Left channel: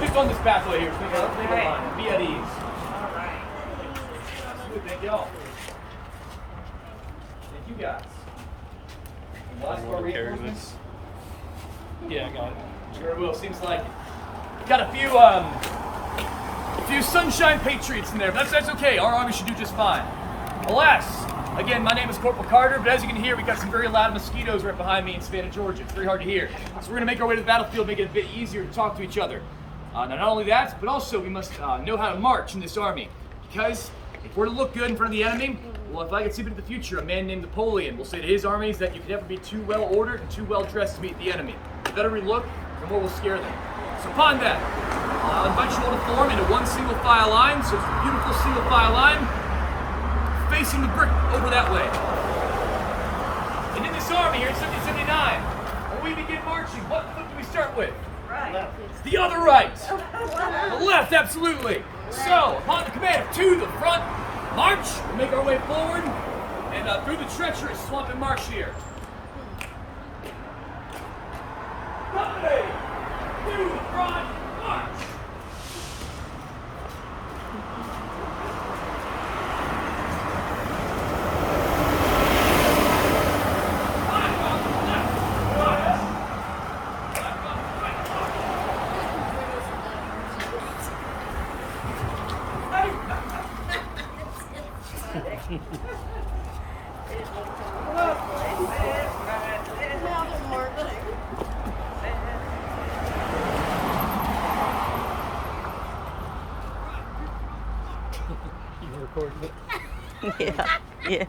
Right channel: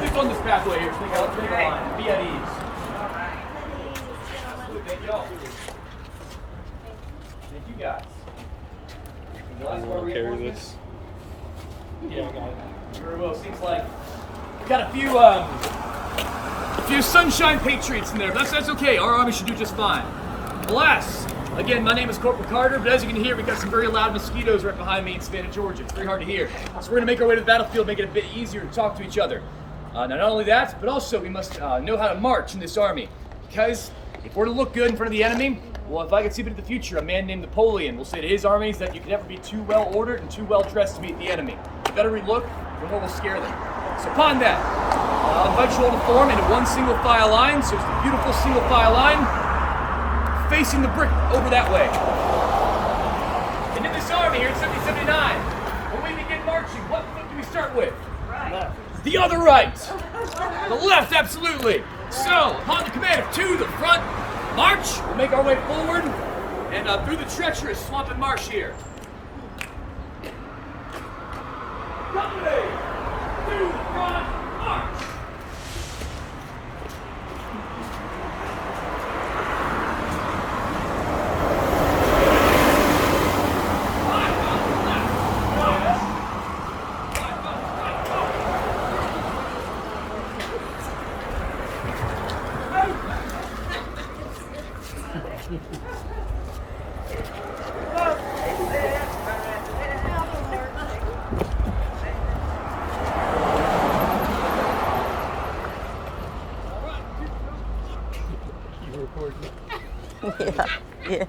Just on this pathway here, so let's make a line. Be at ease. Thank y'all. Thank you guys. You want to carry this? Yeah, I got it. Very well. Seems like we got a few Sunshine Patriots in there, but that's okay. Our army should do just fine. Alas, again, my name is Corporal Carter, but as you can hear, we got some very loud mosquitoes right behind me in Savannah, Georgia. It's very hard to hear. So we're going to make our way to the battlefield, make it a bit easier to talk to each other. Not only that, but also we must know how to march in this army. Because if we're to look good in front of the enemy, well, if I could see into the future, a man named Napoleon will say to his armies that you can never be too well ordered and too well dressed to meet the enemy. The better we look, the more we'll scare them. So upon that, I'll invite you all to form into one single file line. So it's a beautiful single file line facing the brick over that way. And in this army here in 1779, when we begin marching, what foot do we start with? Left. The other right. The left, absolutely. So, upon the command of two, the front, march. We'll make our way forward and through the treacherous swamp and marsh here. 1 way, 2, front, march. You recording it? Yeah.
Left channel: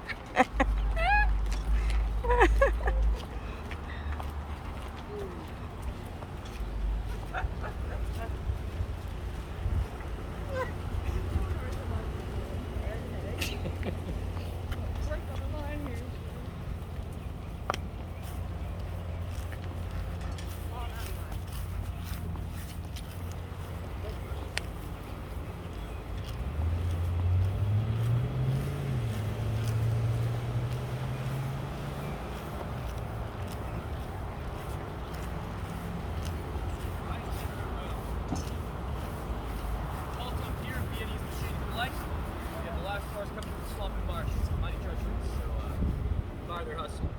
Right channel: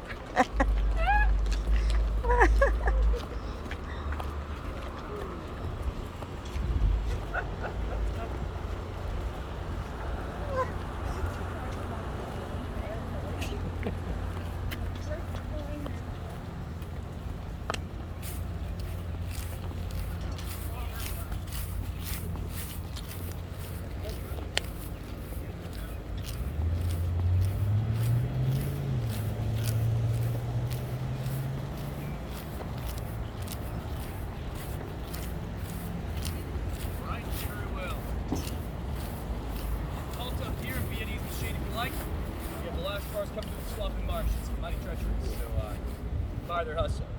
Their hustle.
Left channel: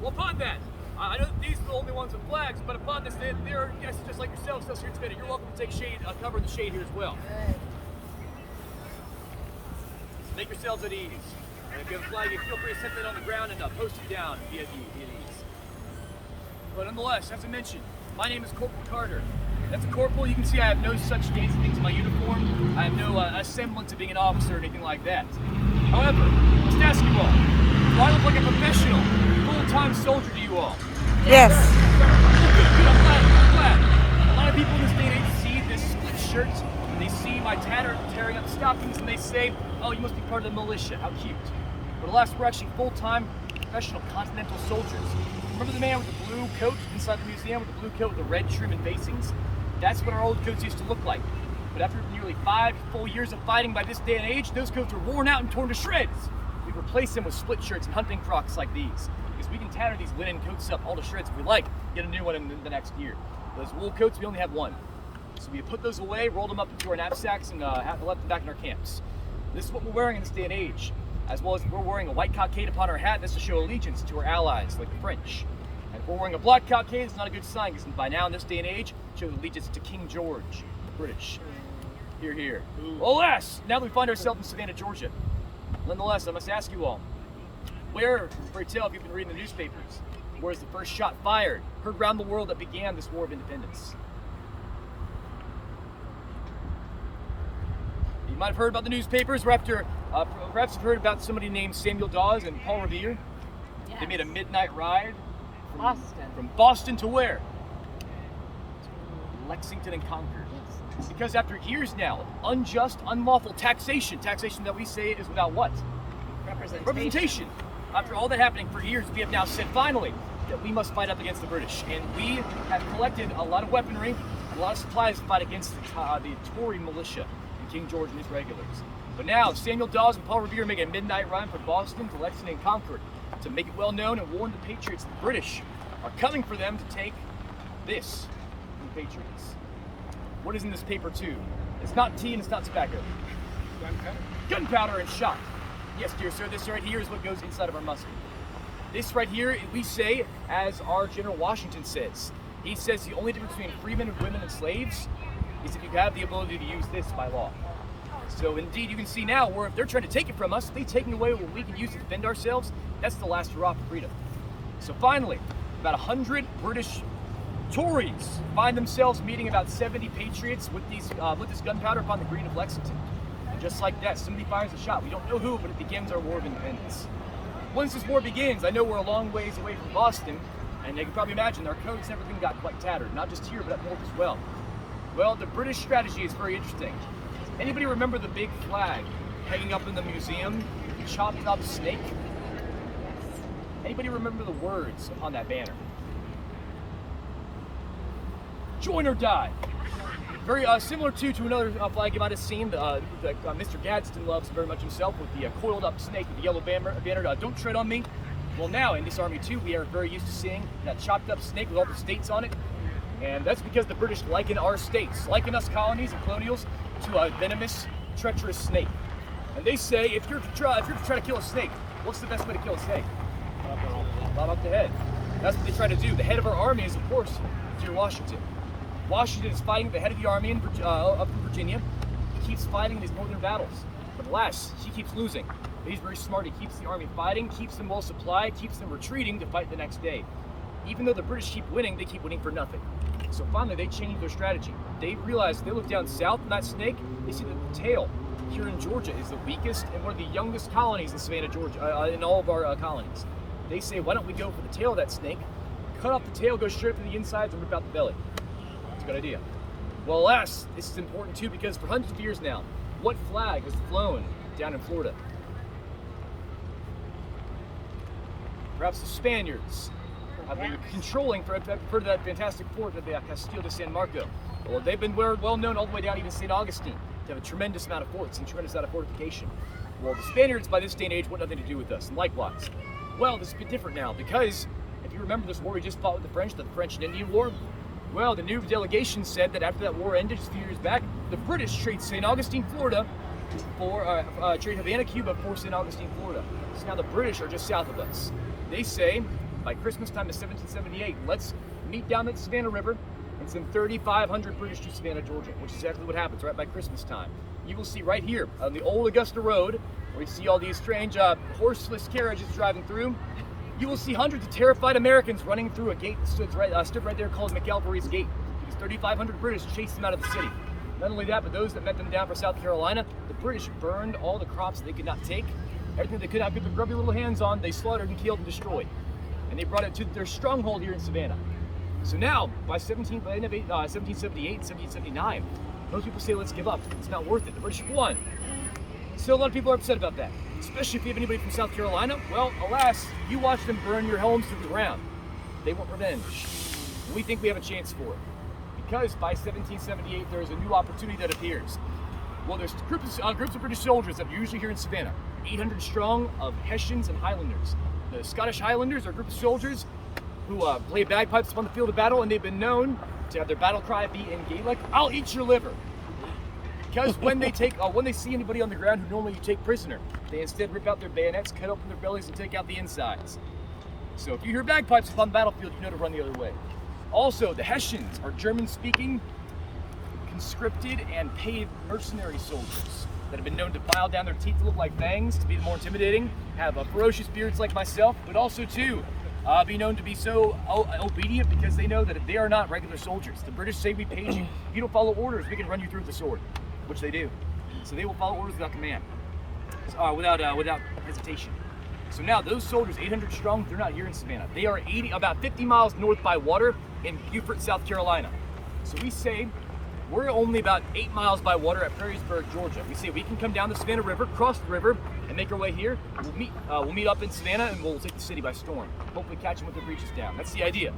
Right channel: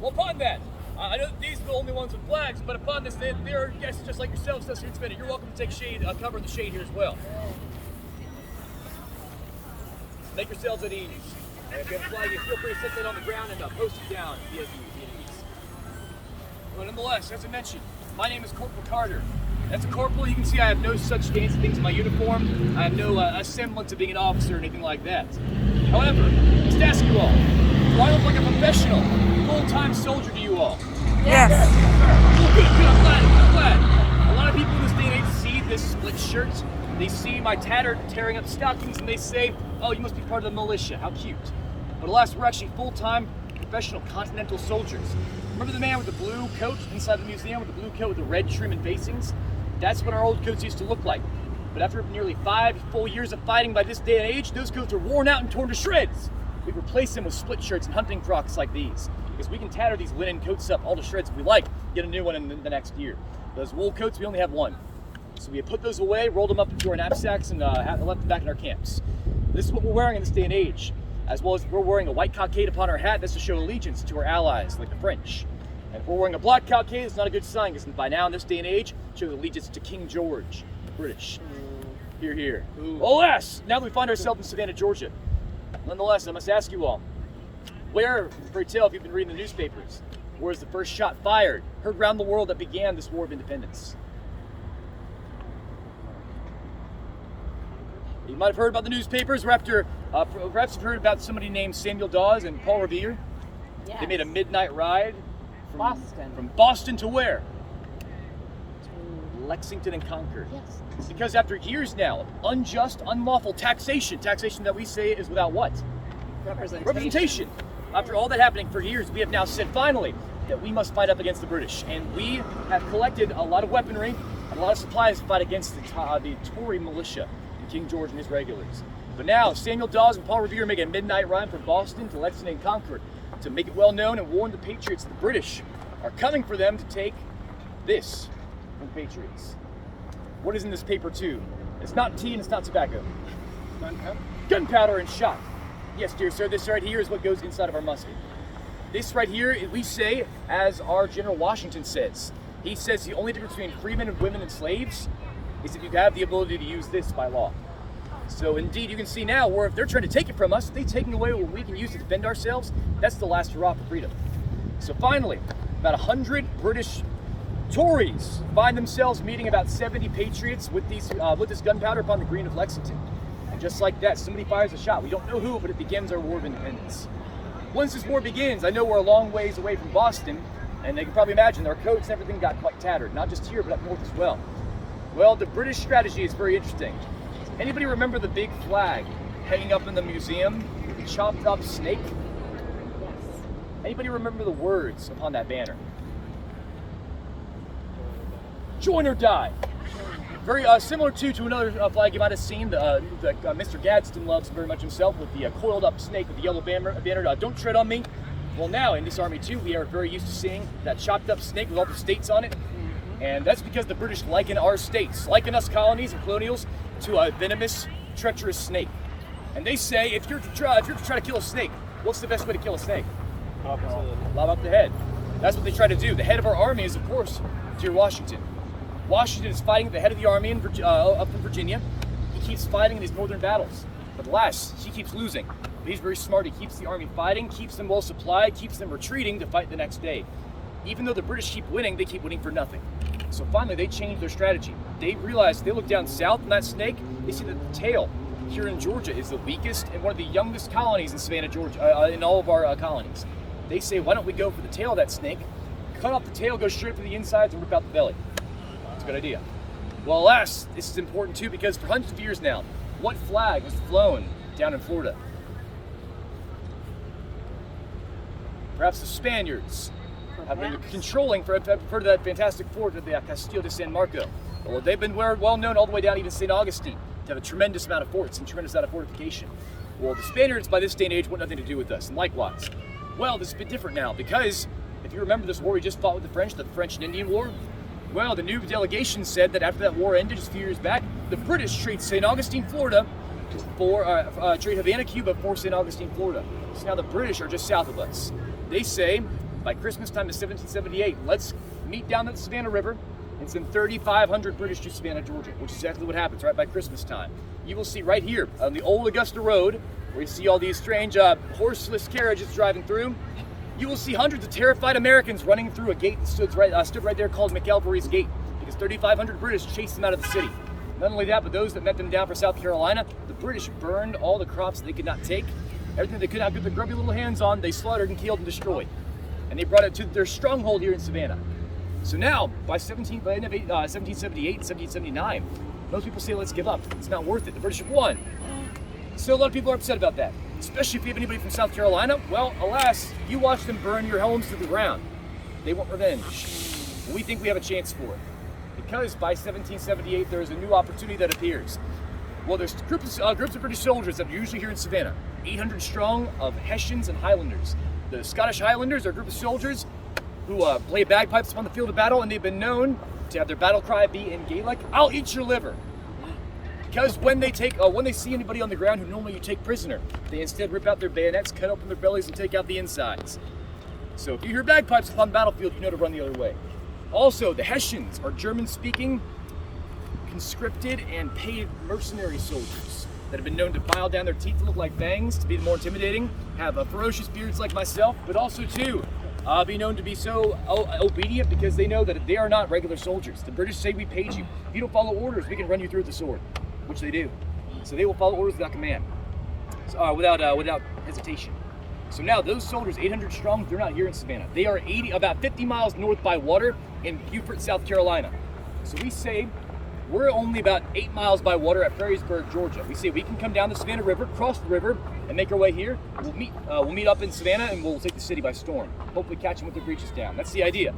Well, upon that, I know that these are the only ones with flags, but upon this, they're guests just like yourselves, so here in Savannah. You're welcome to take shade, cover in the shade here as well. Make yourselves at ease. And if you have a flag, you feel free to set that on the ground and post it down. Be at ease. But nonetheless, as I mentioned, my name is Corporal Carter. That's Corporal. You can see I have no such fancy things in my uniform. I have no semblance of being an officer or anything like that. However, let's ask you all. Do I look like a professional, full-time soldier to you all? Yes. Good, I'm glad. A lot of people in this day and age see this split shirt, and they see my tattered, tearing up stockings, and they say, oh, you must be part of the militia. How cute. But alas, we're actually full-time, professional continental soldiers. Remember the man with the blue coat inside the museum with the blue coat with the red trim and facings? That's what our old coats used to look like. But after nearly 5 full years of fighting by this day and age, those coats were worn out and torn to shreds. We've replaced them with split shirts and hunting frocks like these, because we can tatter these linen coats up all to shreds if we like, get a new one in the next year. Those wool coats, we only have one. So we have put those away, rolled them up into our knapsacks, and left them back in our camps. This is what we're wearing in this day and age, as well as we're wearing a white cockade upon our hat. That's to show allegiance to our allies, like the French. And if we're wearing a black cockade, it's not a good sign, because by now in this day and age, it shows allegiance to King George, British. Hear, hear. Alas, now that we find ourselves in Savannah, Georgia, nonetheless, I must ask you all, where, for tell if you've been reading the newspapers, where's the first shot fired, heard around the world that began this War of Independence? You might have heard about the newspapers, perhaps you've heard about somebody named Samuel Dawes and Paul Revere. Yeah. They made a midnight ride from Boston to where? To Lexington and Concord. Yes. Because after years now of unjust, unlawful taxation that we say is without what? Representation. After all that happening for years, we have now said finally that we must fight up against the British. And we have collected a lot of weaponry, a lot of supplies to fight against the Tory militia and King George and his regulars. But now, Samuel Dawes and Paul Revere make a midnight ride from Boston to Lexington and Concord to make it well known and warn the Patriots the British are coming for them to take this from the Patriots. What is in this paper tube? It's not tea and it's not tobacco. Gunpowder and shot. Yes, dear sir, this right here is what goes inside of our musket. This right here, we say, as our General Washington says. He says the only difference between freemen and women and slaves is if you have the ability to use this by law. So indeed, you can see now where if they're trying to take it from us, if they're taking away what we can use to defend ourselves, that's the last hurrah for freedom. So finally, about 100 British Tories find themselves meeting about 70 patriots with this gunpowder upon the green of Lexington. And just like that, somebody fires a shot. We don't know who, but it begins our War of Independence. Once this war begins, I know we're a long ways away from Boston, and they can probably imagine our coats and everything got quite tattered, not just here, but up north as well. Well, the British strategy is very interesting. Anybody remember the big flag hanging up in the museum, the chopped up snake? Anybody remember the words upon that banner? Join or die. Very similar to another flag you might have seen that Mr. Gadsden loves very much himself, with the coiled up snake with the yellow banner, don't tread on me. Well, now in this army too, we are very used to seeing that chopped up snake with all the states on it. And that's because the British liken our states, liken us colonies and colonials, to a venomous, treacherous snake. And they say, if you're to try to kill a snake, what's the best way to kill a snake? Lob up the head. That's what they try to do. The head of our army is, of course, George Washington. Washington is fighting at the head of the army up in Virginia. He keeps fighting in these northern battles. But alas, he keeps losing. But he's very smart. He keeps the army fighting, keeps them well supplied, keeps them retreating to fight the next day. Even though the British keep winning, they keep winning for nothing. So finally, they changed their strategy. They realized, they look down south in that snake, they see that the tail here in Georgia is the weakest and one of the youngest colonies in Savannah, Georgia, in all of our colonies. They say, why don't we go for the tail of that snake, cut off the tail, go straight for the insides, and rip out the belly. It's a good idea. Well, alas, this is important too, because for hundreds of years now, what flag was flown down in Florida? Perhaps the Spaniards have been controlling for that fantastic fort of the Castillo de San Marco. Well, they've been well known all the way down even St. Augustine to have a tremendous amount of forts and tremendous amount of fortification. Well, the Spaniards by this day and age want nothing to do with us, and likewise. Well, this is a bit different now, because if you remember this war we just fought with the French and Indian War, well, the new delegation said that after that war ended just a few years back, the British trade St. Augustine, Florida, trade Havana, Cuba for St. Augustine, Florida. So now the British are just south of us. They say, by Christmas time of 1778, let's meet down the Savannah River and send 3,500 British to Savannah, Georgia, which is exactly what happens right by Christmas time. You will see right here on the old Augusta Road, where you see all these strange horseless carriages driving through, you will see hundreds of terrified Americans running through a gate that stood right there called McElvery's Gate, because 3,500 British chased them out of the city. Not only that, but those that met them down for South Carolina, the British burned all the crops they could not take. Everything they could not get their grubby little hands on, they slaughtered and killed and destroyed. And they brought it to their stronghold here in Savannah. So now, by the end of 1778, 1779, most people say, let's give up. It's not worth it. The British have won. Still, a lot of people are upset about that, especially if you have anybody from South Carolina. Well, alas, you watch them burn your homes to the ground. They want revenge. And we think we have a chance for it. Because by 1778, there is a new opportunity that appears. Well, there's groups of British soldiers that are usually here in Savannah, 800 strong, of Hessians and Highlanders. The Scottish Highlanders are a group of soldiers who play bagpipes upon the field of battle, and they've been known to have their battle cry be in Gaelic, "I'll eat your liver." Because when they see anybody on the ground who normally you take prisoner, they instead rip out their bayonets, cut open their bellies, and take out the insides. So if you hear bagpipes upon the battlefield, you know to run the other way. Also, the Hessians are German-speaking, conscripted, and paid mercenary soldiers that have been known to file down their teeth to look like fangs to be more intimidating, have ferocious beards like myself, but also too be known to be so obedient because they know that they are not regular soldiers. The British say, we paid you. If you don't follow orders, we can run you through with the sword, which they do. So they will follow orders without command, without hesitation. So now those soldiers, 800 strong, they're not here in Savannah. They are about 50 miles north by water in Beaufort, South Carolina. So we say we're only about 8 miles by water at Perrysburg, Georgia. We say we can come down the Savannah River, cross the river, and make our way here. We'll meet up in Savannah, and we'll take the city by storm. Hopefully catch them with their breeches down. That's the idea.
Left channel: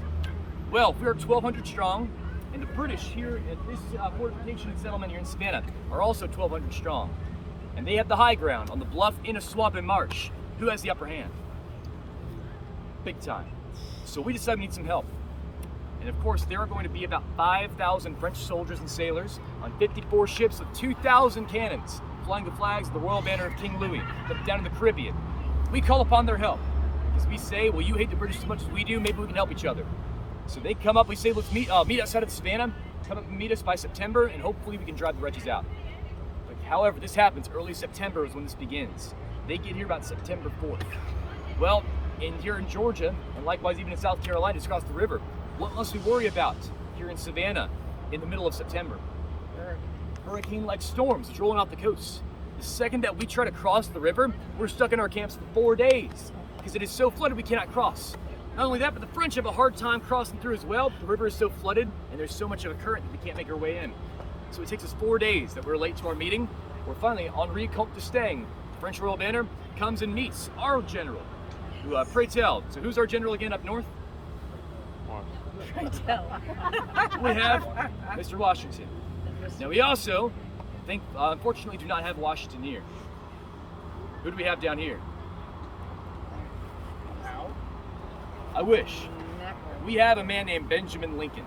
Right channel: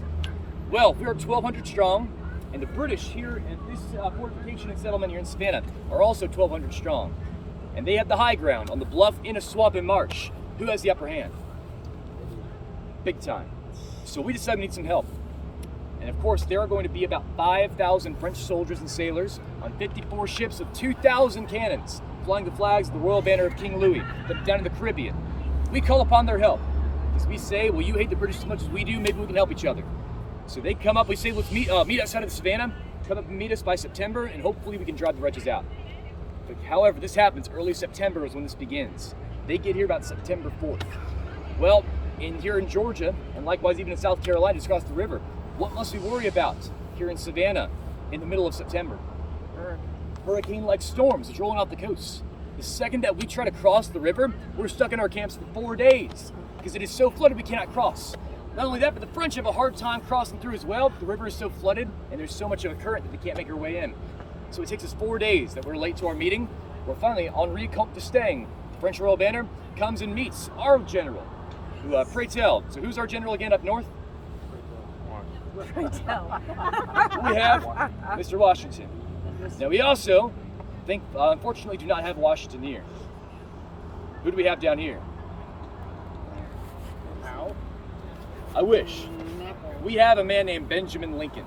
Well, we are 1,200 strong, and the British here at this fortification and settlement here in Savannah are also 1,200 strong. And they have the high ground on the bluff in a swamp and marsh. Who has the upper hand? Big time. So we decided we need some help. And of course, there are going to be about 5,000 French soldiers and sailors on 54 ships with 2,000 cannons, flying the flags of the royal banner of King Louis down in the Caribbean. We call upon their help, because we say, well, you hate the British as much as we do, maybe we can help each other. So they come up, we say, let's meet outside of Savannah, come up and meet us by September, and hopefully we can drive the wretches out. But however, this happens, early September is when this begins. They get here about September 4th. Well, here in Georgia, and likewise even in South Carolina, just across the river, what must we worry about here in Savannah in the middle of September? Hurricane-like storms that's rolling off the coast. The second that we try to cross the river, we're stuck in our camps for 4 days because it is so flooded we cannot cross. Not only that, but the French have a hard time crossing through as well. The river is so flooded and there's so much of a current that we can't make our way in. So it takes us 4 days that we're late to our meeting. Well, finally, Henri Comte d'Estaing, the French royal banner, comes and meets our general. Pray tell, so who's our general again up north? Pray tell. We have Mr. Washington. Now we also unfortunately do not have Washington here. Who do we have down here? I wish. We have a man named Benjamin Lincoln.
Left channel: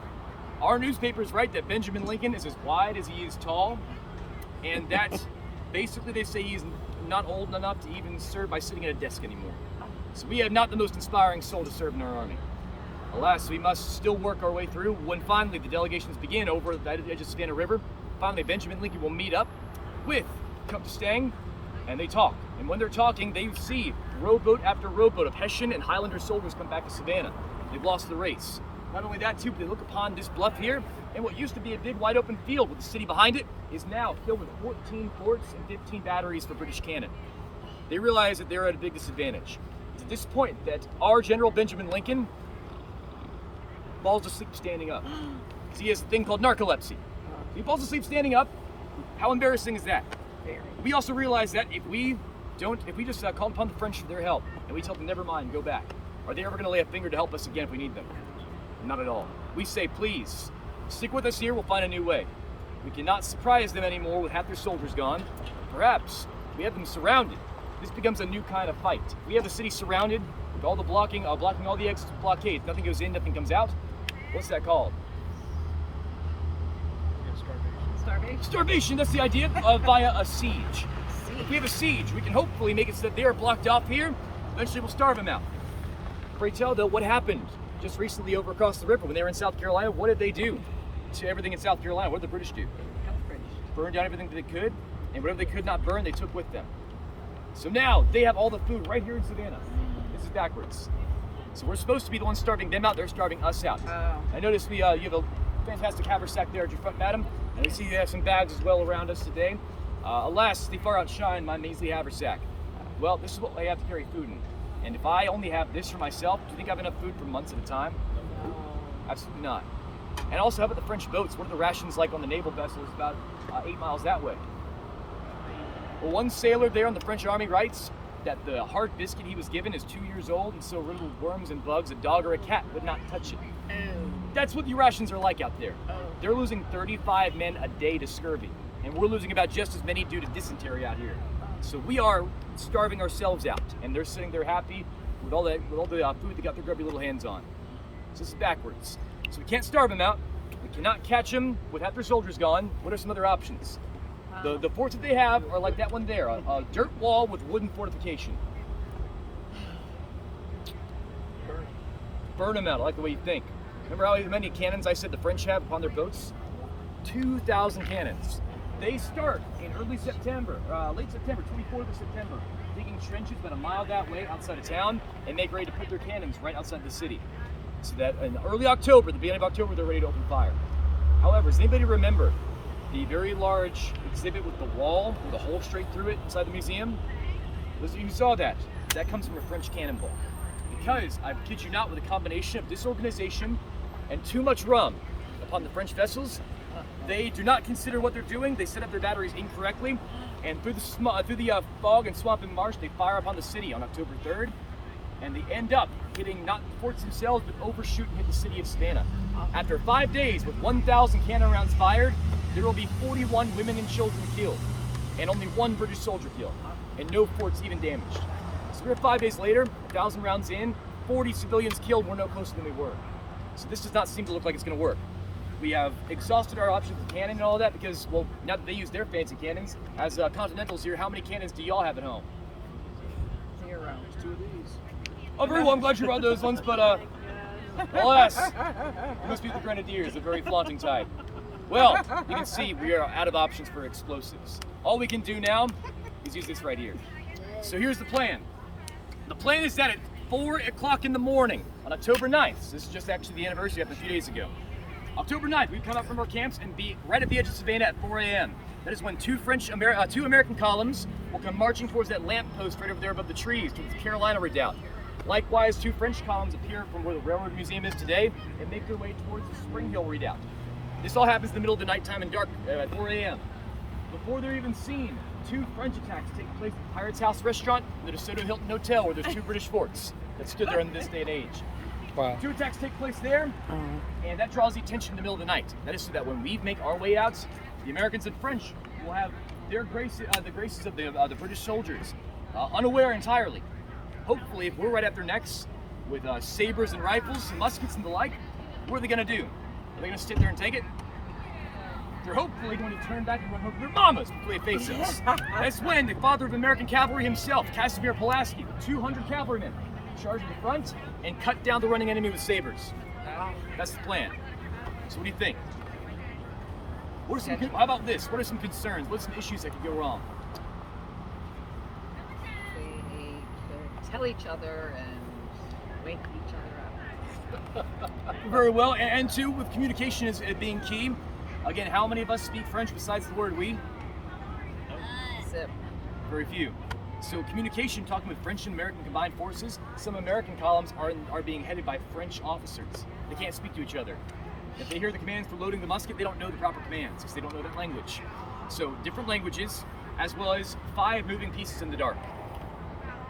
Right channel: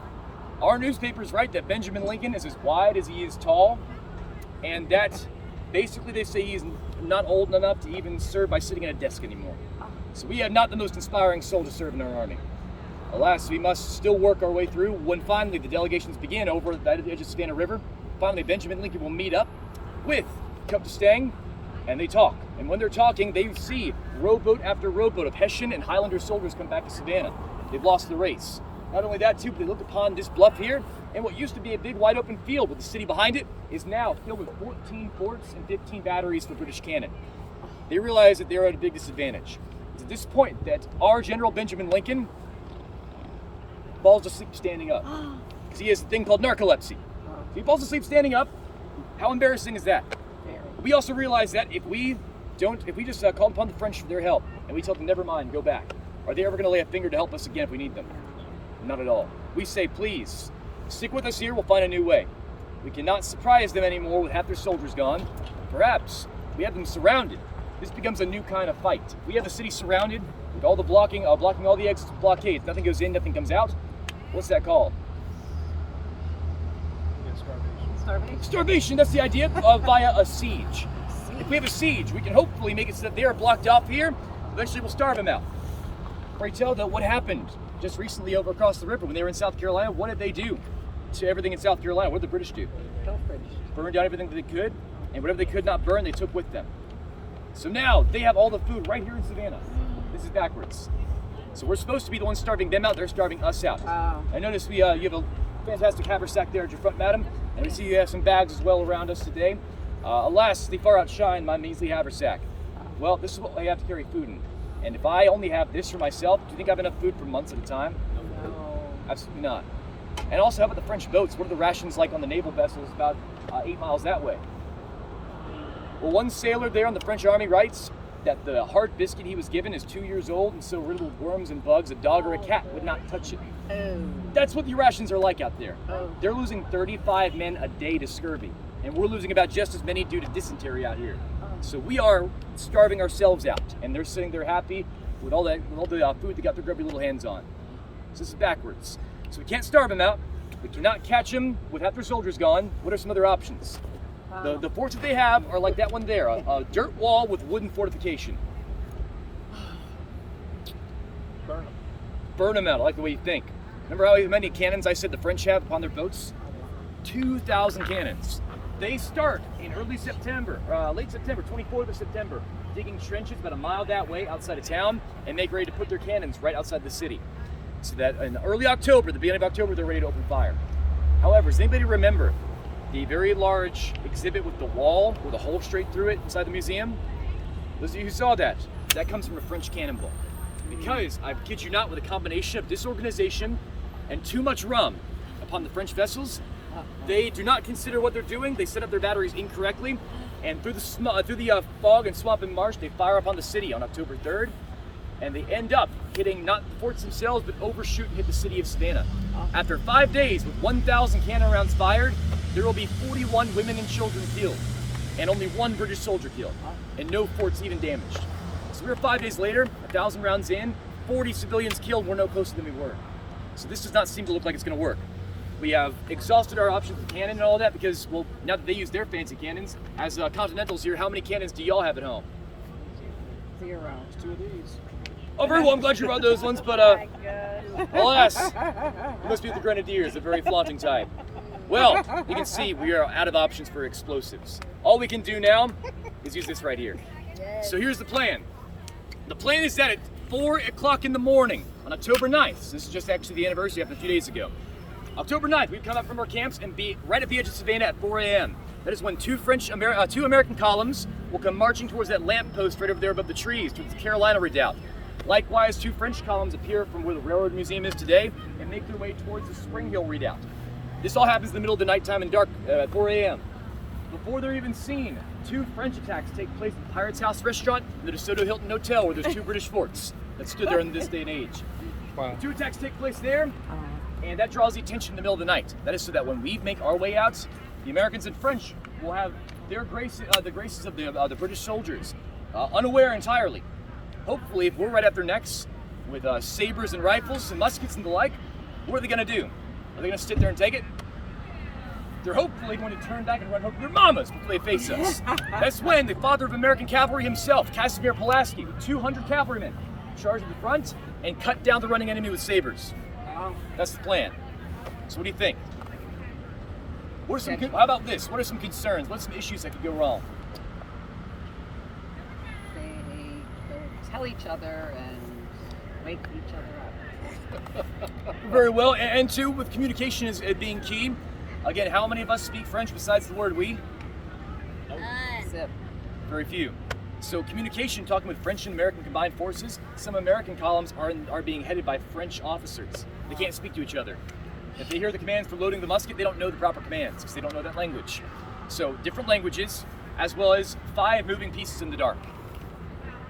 Our newspapers write that Benjamin Lincoln is as wide as he is tall, and that basically they say he's not old enough to even serve by sitting at a desk anymore. So we have not the most inspiring soul to serve in our army. Alas, we must still work our way through. When finally the delegations begin over the edge of Savannah River, finally Benjamin Lincoln will meet up with Comte d'Estaing, and they talk. And when they're talking, they see rowboat after rowboat of Hessian and Highlander soldiers come back to Savannah. They've lost the race. Not only that, too, but they look upon this bluff here, and what used to be a big wide open field with the city behind it is now filled with 14 forts and 15 batteries for British cannon. They realize that they're at a big disadvantage. It's at this point that our General Benjamin Lincoln falls asleep standing up, because he has a thing called narcolepsy. He falls asleep standing up. How embarrassing is that? We also realize that if we just call upon the French for their help, and we tell them never mind, go back, are they ever going to lay a finger to help us again if we need them? Not at all. We say, please, stick with us here, we'll find a new way. We cannot surprise them anymore with half their soldiers gone. Perhaps we have them surrounded. This becomes a new kind of fight. We have the city surrounded with all the blocking all the exits with blockades. Nothing goes in, nothing comes out. What's that called? Starvation, that's the idea, via a siege. If we have a siege, we can hopefully make it so that they are blocked off here. Eventually we'll starve them out. Pray tell, though, what happened just recently over across the river when they were in South Carolina? What did they do to everything in South Carolina? What did the British do? Burned down everything that they could, and whatever they could not burn, they took with them. So now they have all the food right here in Savannah. This is backwards. So we're supposed to be the ones starving them out, they're starving us out. I noticed you have a fantastic haversack there at your front, madam, and we see you have some bags as well around us today. Alas, they far outshine my measly haversack. Well, this is what I have to carry food in. And if I only have this for myself, do you think I have enough food for months at a time? Absolutely not. And also, how about the French boats? What are the rations like on the naval vessels about 8 miles that way? Well, one sailor there on the French army writes that the hard biscuit he was given is 2 years old and so riddled with worms and bugs, a dog or a cat would not touch it. That's what the rations are like out there. They're losing 35 men a day to scurvy, and we're losing about just as many due to dysentery out here. So we are starving ourselves out, and they're sitting there happy with all the food they got their grubby little hands on. So this is backwards. So we can't starve them out. We cannot catch them with half their soldiers gone. What are some other options? The forts that they have are like that one there, a dirt wall with wooden fortification. Burn them out, I like the way you think. Remember how many cannons I said the French have upon their boats? 2,000 cannons. They start in early September, late September, 24th of September, digging trenches about a mile that way outside of town and make ready to put their cannons right outside the city. So that in early October, the beginning of October, they're ready to open fire. However, does anybody remember the very large exhibit with the wall with a hole straight through it inside the museum? Those of you who saw that, that comes from a French cannonball. Because, I kid you not, with a combination of disorganization and too much rum upon the French vessels, they do not consider what they're doing. They set up their batteries incorrectly, and through the fog and swamp and marsh, they fire upon the city on October 3rd, and they end up hitting not the forts themselves, but overshoot and hit the city of Savannah. After 5 days with 1,000 cannon rounds fired, there will be 41 women and children killed, and only 1 British soldier killed, and no forts even damaged. So we're 5 days later, 1,000 rounds in, 40 civilians killed, we're no closer than we were. So this does not seem to look like it's going to work. We have exhausted our options with cannon and all that because, well, now that they use their fancy cannons, as Continentals here, how many cannons do y'all have at home? 0. There's 2 of these. Oh, very well. I'm glad you brought those ones, but alas, you must be the Grenadiers, a very flaunting type. Well, you can see we are out of options for explosives. All we can do now is use this right here. So here's the plan. The plan is that at 4 o'clock in the morning on October 9th, so this is just actually the anniversary of a few days ago, October 9th, we come up from our camps and be right at the edge of Savannah at 4 a.m. That is when two American columns will come marching towards that lamppost right over there above the trees, towards the Carolina Redoubt. Likewise, 2 French columns appear from where the Railroad Museum is today and make their way towards the Spring Hill Redoubt. This all happens in the middle of the nighttime and dark at 4 a.m. Before they're even seen, 2 French attacks take place at the Pirates House restaurant and the DeSoto Hilton Hotel, where there's 2 British forts that stood there in this day and age. Wow. 2 attacks take place there, and that draws the attention in the middle of the night. That is so that when we make our way out, the Americans and French will have their the graces of the British soldiers, unaware entirely. Hopefully, if we're right at their necks with sabers and rifles and muskets and the like, what are they going to do? Are they going to sit there and take it? They're hopefully going to turn back and run home to their mamas before they face us. That's when the father of American cavalry himself, Casimir Pulaski, with 200 cavalrymen, charge in the front and cut down the running enemy with sabers. That's the plan. So what do you think? What are some? How about this? What are some concerns? What are some issues that could go wrong? They tell each other and wake each other up. Very well. And 2, with communication as being key. Again, how many of us speak French besides the word we? Zip. Very few. So communication, talking with French and American combined forces, some American columns are being headed by French officers. They can't speak to each other. If they hear the commands for loading the musket, they don't know the proper commands because they don't know that language. So different languages, as well as 5 moving pieces in the dark.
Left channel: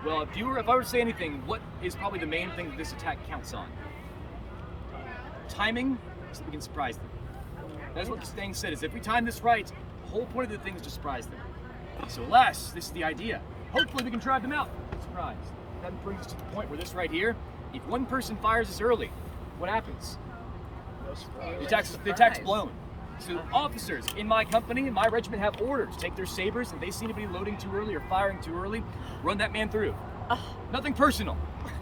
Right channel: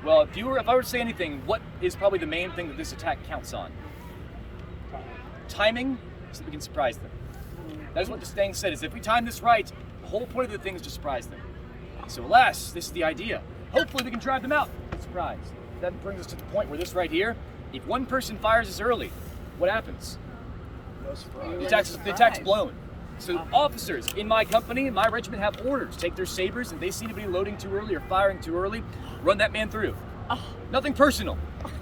Well, if I were to say anything, what is probably the main thing that this attack counts on? Timing, so that we can surprise them. That is what D'Estaing said, is if we time this right, the whole point of the thing is to surprise them. So alas, this is the idea. Hopefully we can drive them out. Surprise. That brings us to the point where this right here, if one person fires this early, what happens? The attack's blown. So officers in my company, in my regiment, have orders to take their sabers, and they seem to be loading too early or firing too early, run that man through. Nothing personal.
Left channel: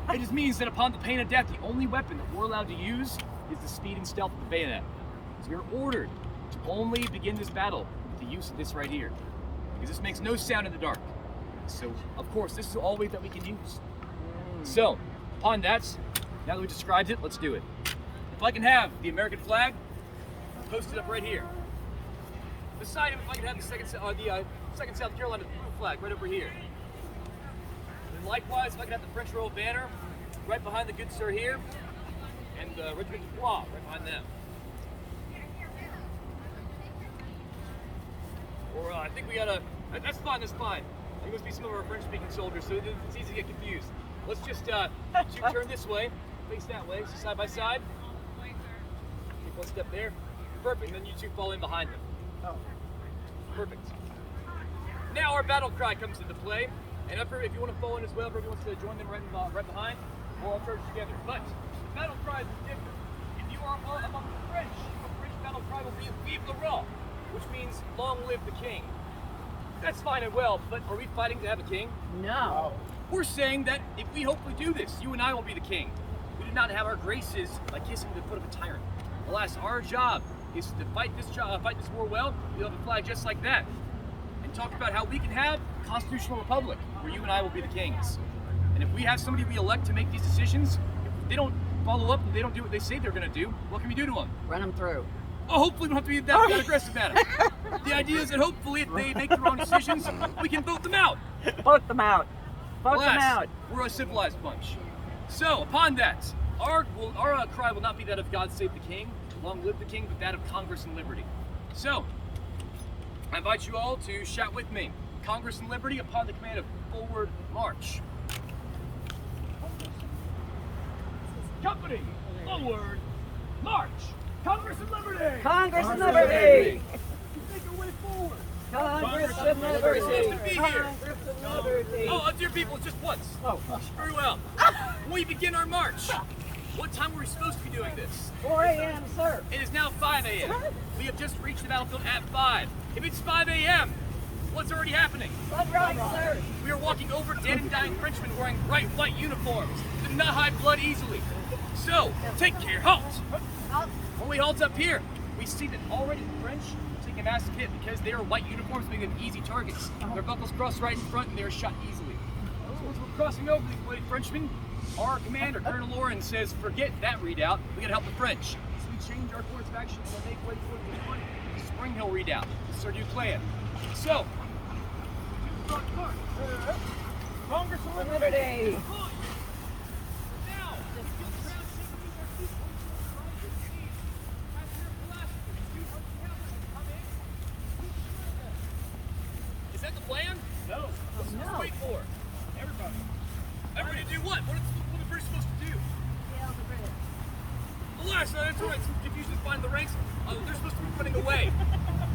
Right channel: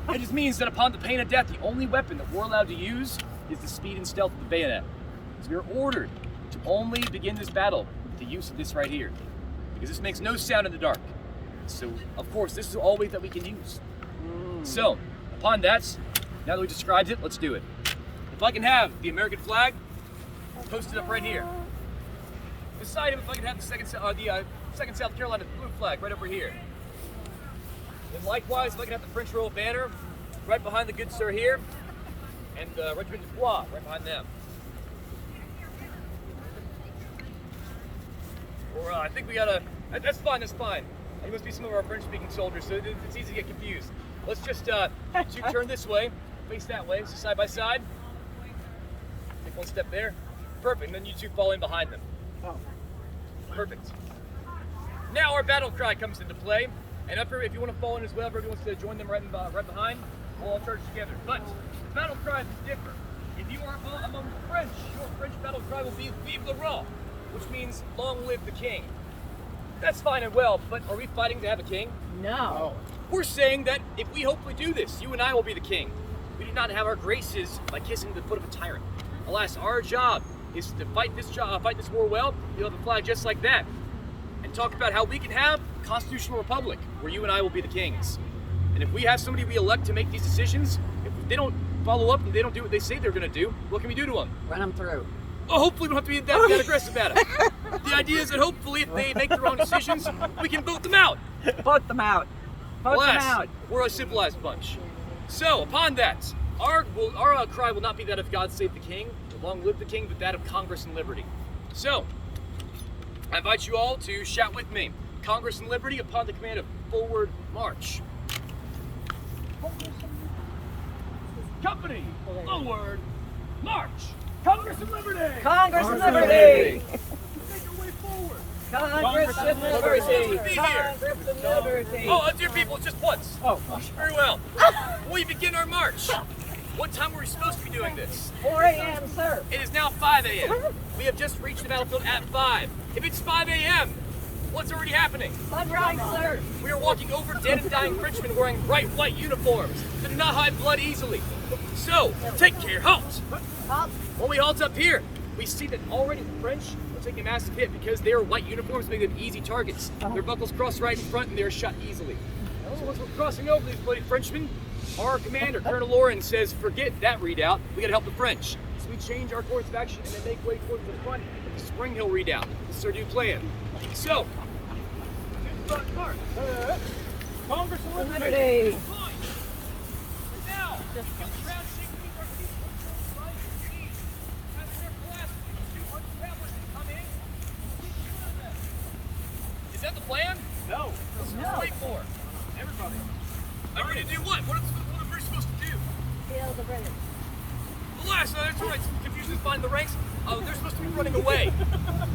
It just means that upon the pain of death, the only weapon that we're allowed to use is the speed and stealth of the bayonet. So we are ordered to only begin this battle with the use of this right here, because this makes no sound in the dark. So, of course, this is all that we can use. So, upon that, now that we described it, let's do it. If I can have the American flag posted up right here. Beside him, if I can have the second South Carolina blue flag right over here. And likewise, if I can have the French Royal Banner right behind the good sir here, and the Regiment de Foix right behind them. Or I think we gotta. That's fine. That's fine. There must be some of our French-speaking soldiers, so it's easy to get confused. Let's just you turn this way, face that way, so side by side. Take one step there. Perfect. And then you 2 fall in behind them. Oh. Perfect. Now our battle cry comes into play, and if you want to fall in as well, if everyone wants to join them right behind, we'll all charge together. But the battle cry is different. If you are all among the French, your French battle cry will be "Vive le Roi," which means "Long live the King." That's fine and well, but are we fighting to have a king? No. We're saying that if we hopefully do this, you and I will be the king. We do not have our graces by kissing the foot of a tyrant. Alas, our job is to fight this war well. You'll have a flag just like that, and talk about how we can have a constitutional republic where you and I will be the kings. And if we have somebody we elect to make these decisions, if they don't follow up and they don't do what they say they're going to do, what can we do to them? Run them through. Oh, hopefully we don't have to be that aggressive at it. The idea is that hopefully if they make their own decisions, we can vote them out. Vote them out. Vote them out. We're a civilized bunch. So, upon that, our cry will not be that of God save the King, long live the King, but that of Congress and liberty. So, I invite you all to shout with me, Congress and liberty, upon the command of forward march. Company, forward march. Congress and liberty! Congress and liberty! Make your way forward! Congress and liberty! Supposed to be here. Congress and liberty! Oh, dear people, just once. Oh. Very well. We begin our march. What time were we supposed to be doing this? 4 a.m., sir. It is now 5 a.m. We have just reached the battlefield at 5. If it's 5 a.m., what's already happening? Sunrise, sir. We are walking over dead and dying Frenchmen wearing bright white uniforms that do not hide blood easily. So, take care, halt! Halt. When we halt up here, we see that already the French are taking a massive hit because their white uniforms make them easy targets. Their buckles cross right in front and they're shot easily. So as we're crossing over these bloody Frenchmen, our commander, Colonel Lauren, says, forget that redoubt, we gotta help the French. So we change our course of action and then make way towards the front, the Spring Hill redoubt. This is our new plan. So, here's the front part. Congress and Liberty. Now, get the ground shaking with our feet towards the right and knees. Passenger Pulaski, 200 cavalry come in. Is that the plan? No. What's No. wait for? Everybody. Everybody do what? What are the British supposed to do? Kill the British. Alas, that's right. Confusion is finding the ranks. They're supposed to be running away.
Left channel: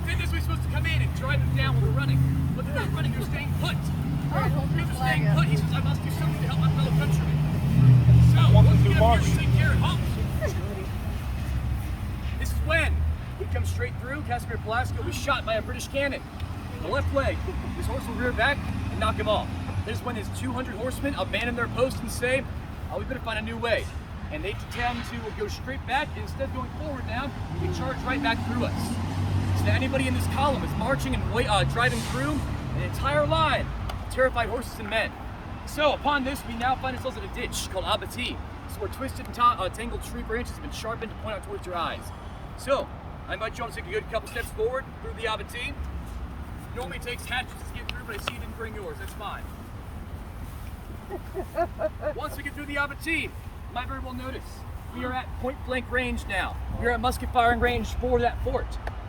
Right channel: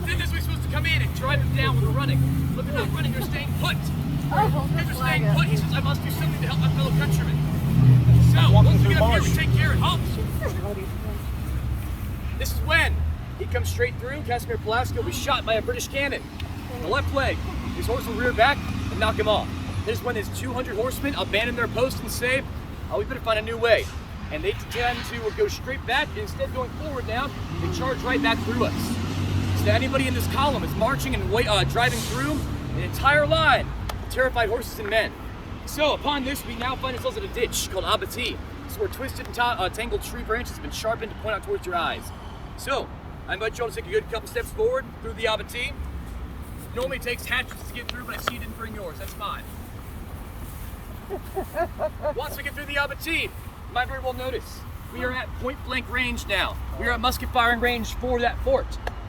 Then this way supposed to come in and drive them down when they're running. But they're not running, they're staying put. Because they're staying put, he says, I must do something to help my fellow countrymen. So, once we get up here, we take care of halt. This is when he comes straight through. Casimir Pulaski will be shot by a British cannon. The left leg. His horse will rear back and knock him off. This is when his 200 horsemen abandon their post and say, we better find a new way. And they tend to go straight back, and instead of going forward now, they charge right back through us. So anybody in this column is marching and driving through an entire line of terrified horses and men. So upon this, we now find ourselves in a ditch called abattis. So where twisted and tangled tree branches have been sharpened to point out towards your eyes. So I invite you all to take a good couple steps forward through the abattis. Normally it takes hatchets to get through, but I see you didn't bring yours. That's fine. Once we get through the abattis, you might very well notice we are at point blank range now. We are at musket firing range for that fort.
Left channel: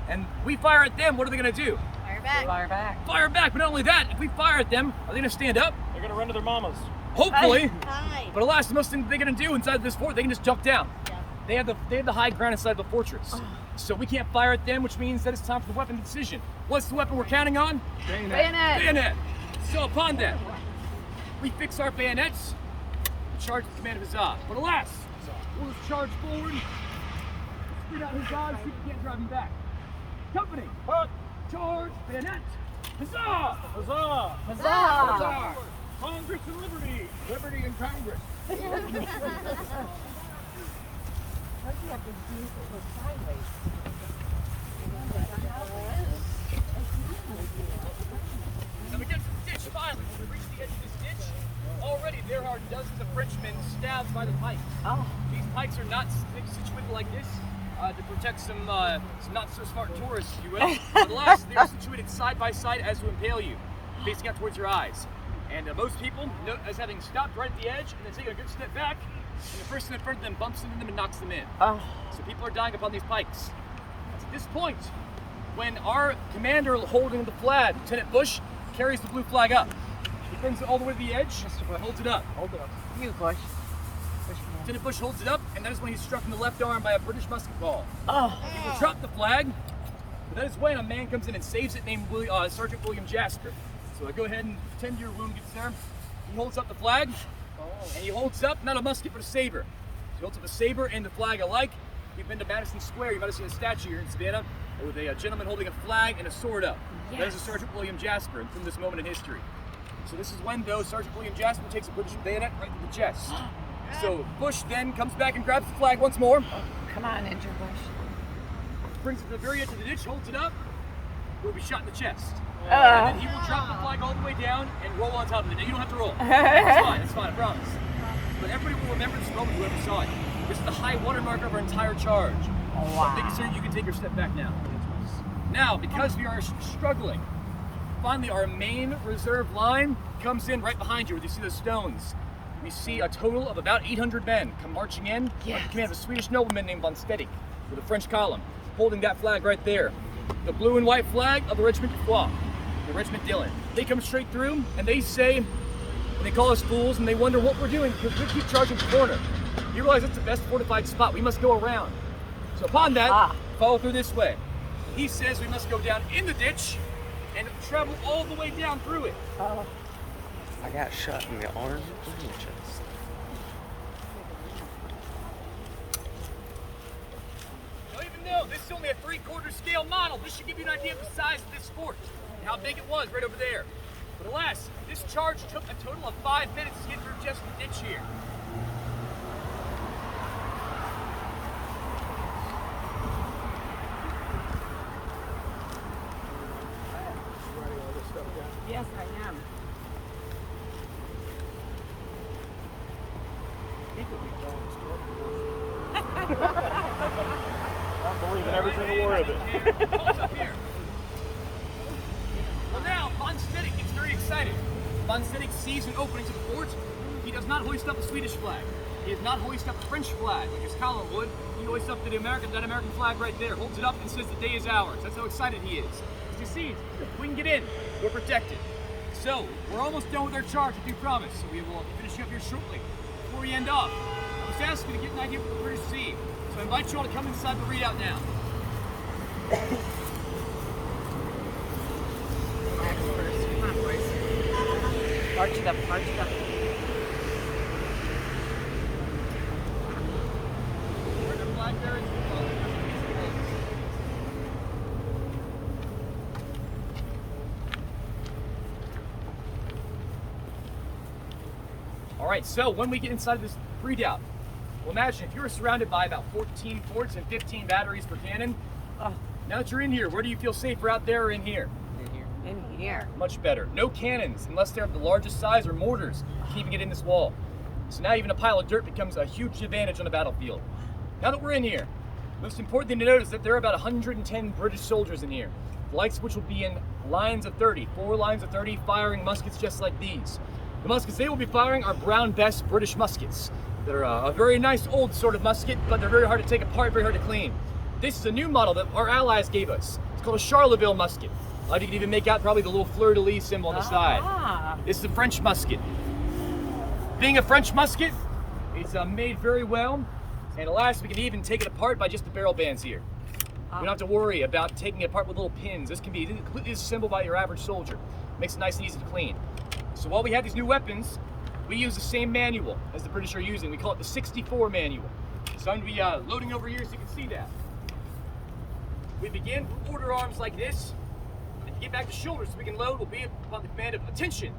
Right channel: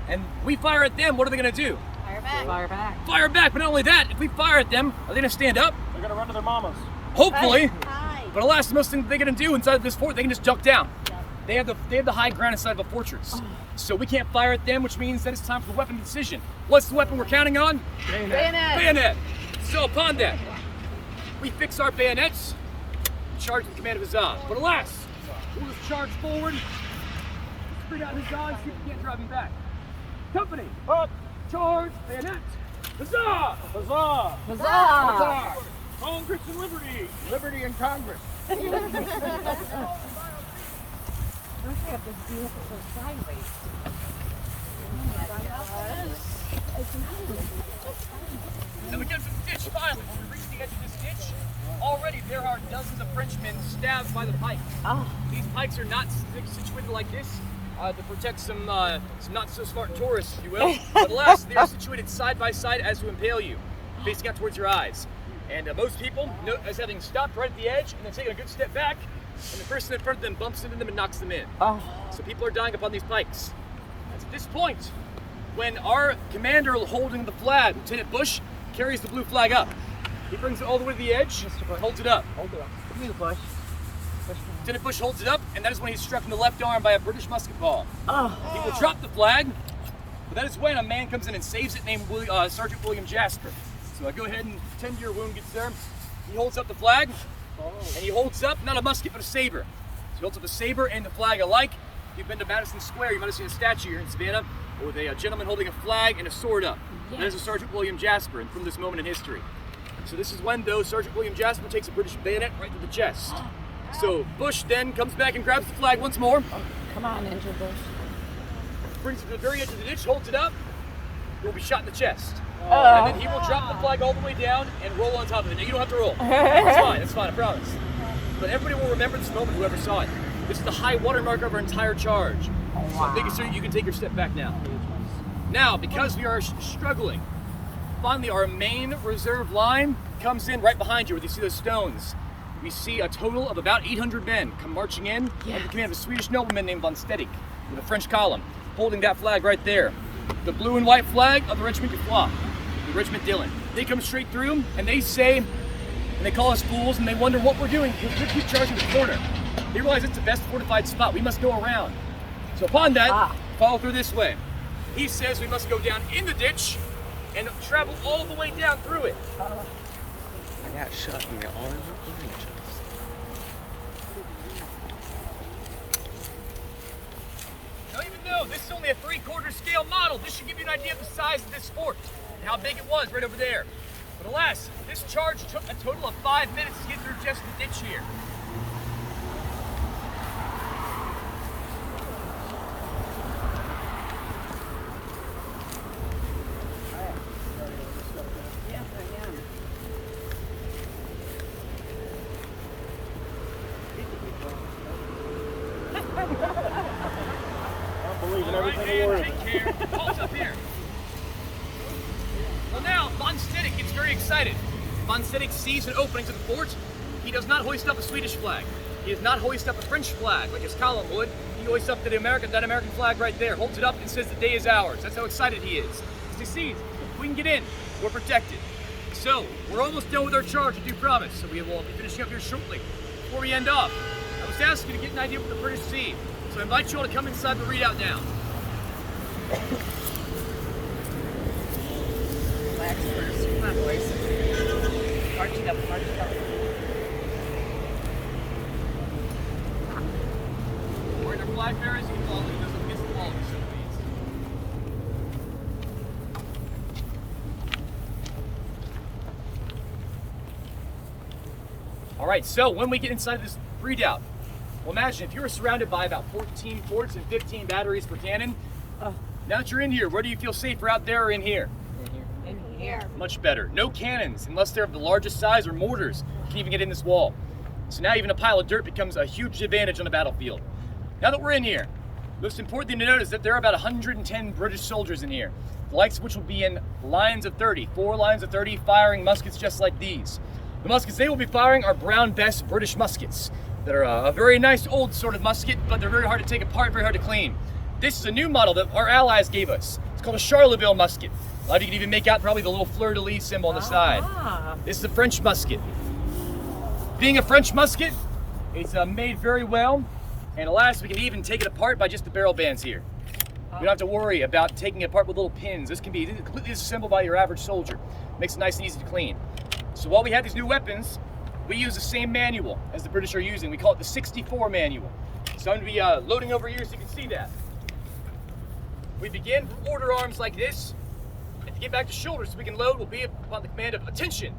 And we fire at them, what are they gonna do? Fire back. Fire back. Fire back, but not only that, if we fire at them, are they gonna stand up? They're gonna run to their mamas. Hopefully. Right. But alas, the most thing they're gonna do inside this fort, they can just duck down. They have the high ground inside of a fortress. So we can't fire at them, which means that it's time for weapon decision. What's the weapon we're counting on? Bayonet. Bayonet. So upon that, we fix our bayonets, and charge the command of Huzzah. But alas, we'll just charge forward, spit out Huzzah, see if we can't drive him back. Company, charge, bayonet, Huzzah! Huzzah! Huzzah! Congress and liberty! Liberty and Congress. Don't you have this vehicle go sideways? And we get to the ditch finally. When we reach the edge of this ditch, already there are dozens of Frenchmen stabbed by the pikes. Oh. These pikes are not situated like this to protect some not so smart tourists, if you will. But alas, they are situated side by side as to impale you, facing out towards your eyes. And most people note as having stopped right at the edge and then taken a good step back, and the person in front of them bumps into them and knocks them in. Oh. So people are dying upon these pikes. It's at this point when our commander holding the flag, Lieutenant Bush, carries the blue flag up. He brings it all the way to the edge and holds it up. Hold it up. You, Bush. Lieutenant Bush holds it up, and that is when he's struck in the left arm by a British musket ball. Oh. He will drop the flag, but that is when a man comes in and saves it named Sergeant William Jasper. So go ahead and tend to your wound, good sir. He holds up the flag, and he holds up not a musket, but a saber. So he holds up the saber and the flag alike. If you've been to Madison Square, you might have seen a statue here in Savannah with a gentleman holding a flag and a sword up. Yes. That is a Sergeant William Jasper, and from this moment in history. So this is when, though, Sergeant William Jasper takes a British bayonet right to the chest. So Bush then comes back and grabs the flag once more, Come on, Andrew Bush. brings it to the very edge of the ditch, holds it up, he will be shot in the chest. And then he will drop the flag all the way down and roll on top of it. Now you don't have to roll. That's fine, I promise. But everybody will remember this moment, whoever saw it. This is the high watermark of our entire charge. Wow. Making sure you can take your step back now. Now, because we are struggling, finally our main reserve line comes in right behind you where you see those stones. We see a total of about 800 men come marching in under the command of a Swedish nobleman named von Stedek with a French column, holding that flag right there. The blue and white flag of the Regiment de Foix, the Regiment Dillon. They come straight through and they say, and they call us fools and they wonder what we're doing because we keep charging the corner. They realize it's the best fortified spot. We must go around. So upon that, follow through this way. He says we must go down in the ditch and travel all the way down through it. I got shot in the arms of the this is only a 3/4 scale model. This should give you an idea of the size of this fort and how big it was right over there. But alas, this charge took a total of 5 minutes to get through just the ditch here. Yes, I am. All right, man, take care. Halt up here. Well, now, von Stedek gets very excited. Von Stedek sees an opening to the fort. He does not hoist up a Swedish flag. He does not hoist up a French flag like his column would. He hoists up that American flag right there, holds it up and says the day is ours. That's how excited he is. You see, we can get in. We're protected. So, we're almost done with our charge, I do promise. So we will be finishing up here shortly. Before we end off, I was asking to get an idea of what the British see. So I invite you all to come inside the readout now. Relax first. Come on, boys. Arch it up, arch it up. Where the flag bearers will all lead us against the walls. All right, so when we get inside of this redoubt, well, imagine if you were surrounded by about 14 forts and 15 batteries per cannon. Oh, Now that you're in here, where do you feel safer, out there or in here? in here. Much better. No cannons, unless they're of the largest size, or mortars, can even get in this wall. So now even a pile of dirt becomes a huge advantage on the battlefield. Now that we're in here, the most important thing to note is that there are about 110 British soldiers in here, the likes of which will be in lines of 30, 4 lines of 30, firing muskets just like these. The muskets they will be firing are Brown Bess British muskets. That are a very nice old sort of musket, but they're very hard to take apart, very hard to clean. This is a new model that our allies gave us. It's called a Charleville musket. A lot of you can even make out probably the little fleur-de-lis symbol on the side. Ah. This is the French musket. Being a French musket, it's made very well, and alas, we can even take it apart by just the barrel bands here. We don't have to worry about taking it apart with little pins. This can be completely disassembled by your average soldier. Makes it nice and easy to clean. So while we have these new weapons, we use the same manual as the British are using. We call it the 64 manual. So I'm going to be loading over here so you can see that. We begin with order arms like this. And to get back to shoulders so we can load, we'll be upon the command of attention.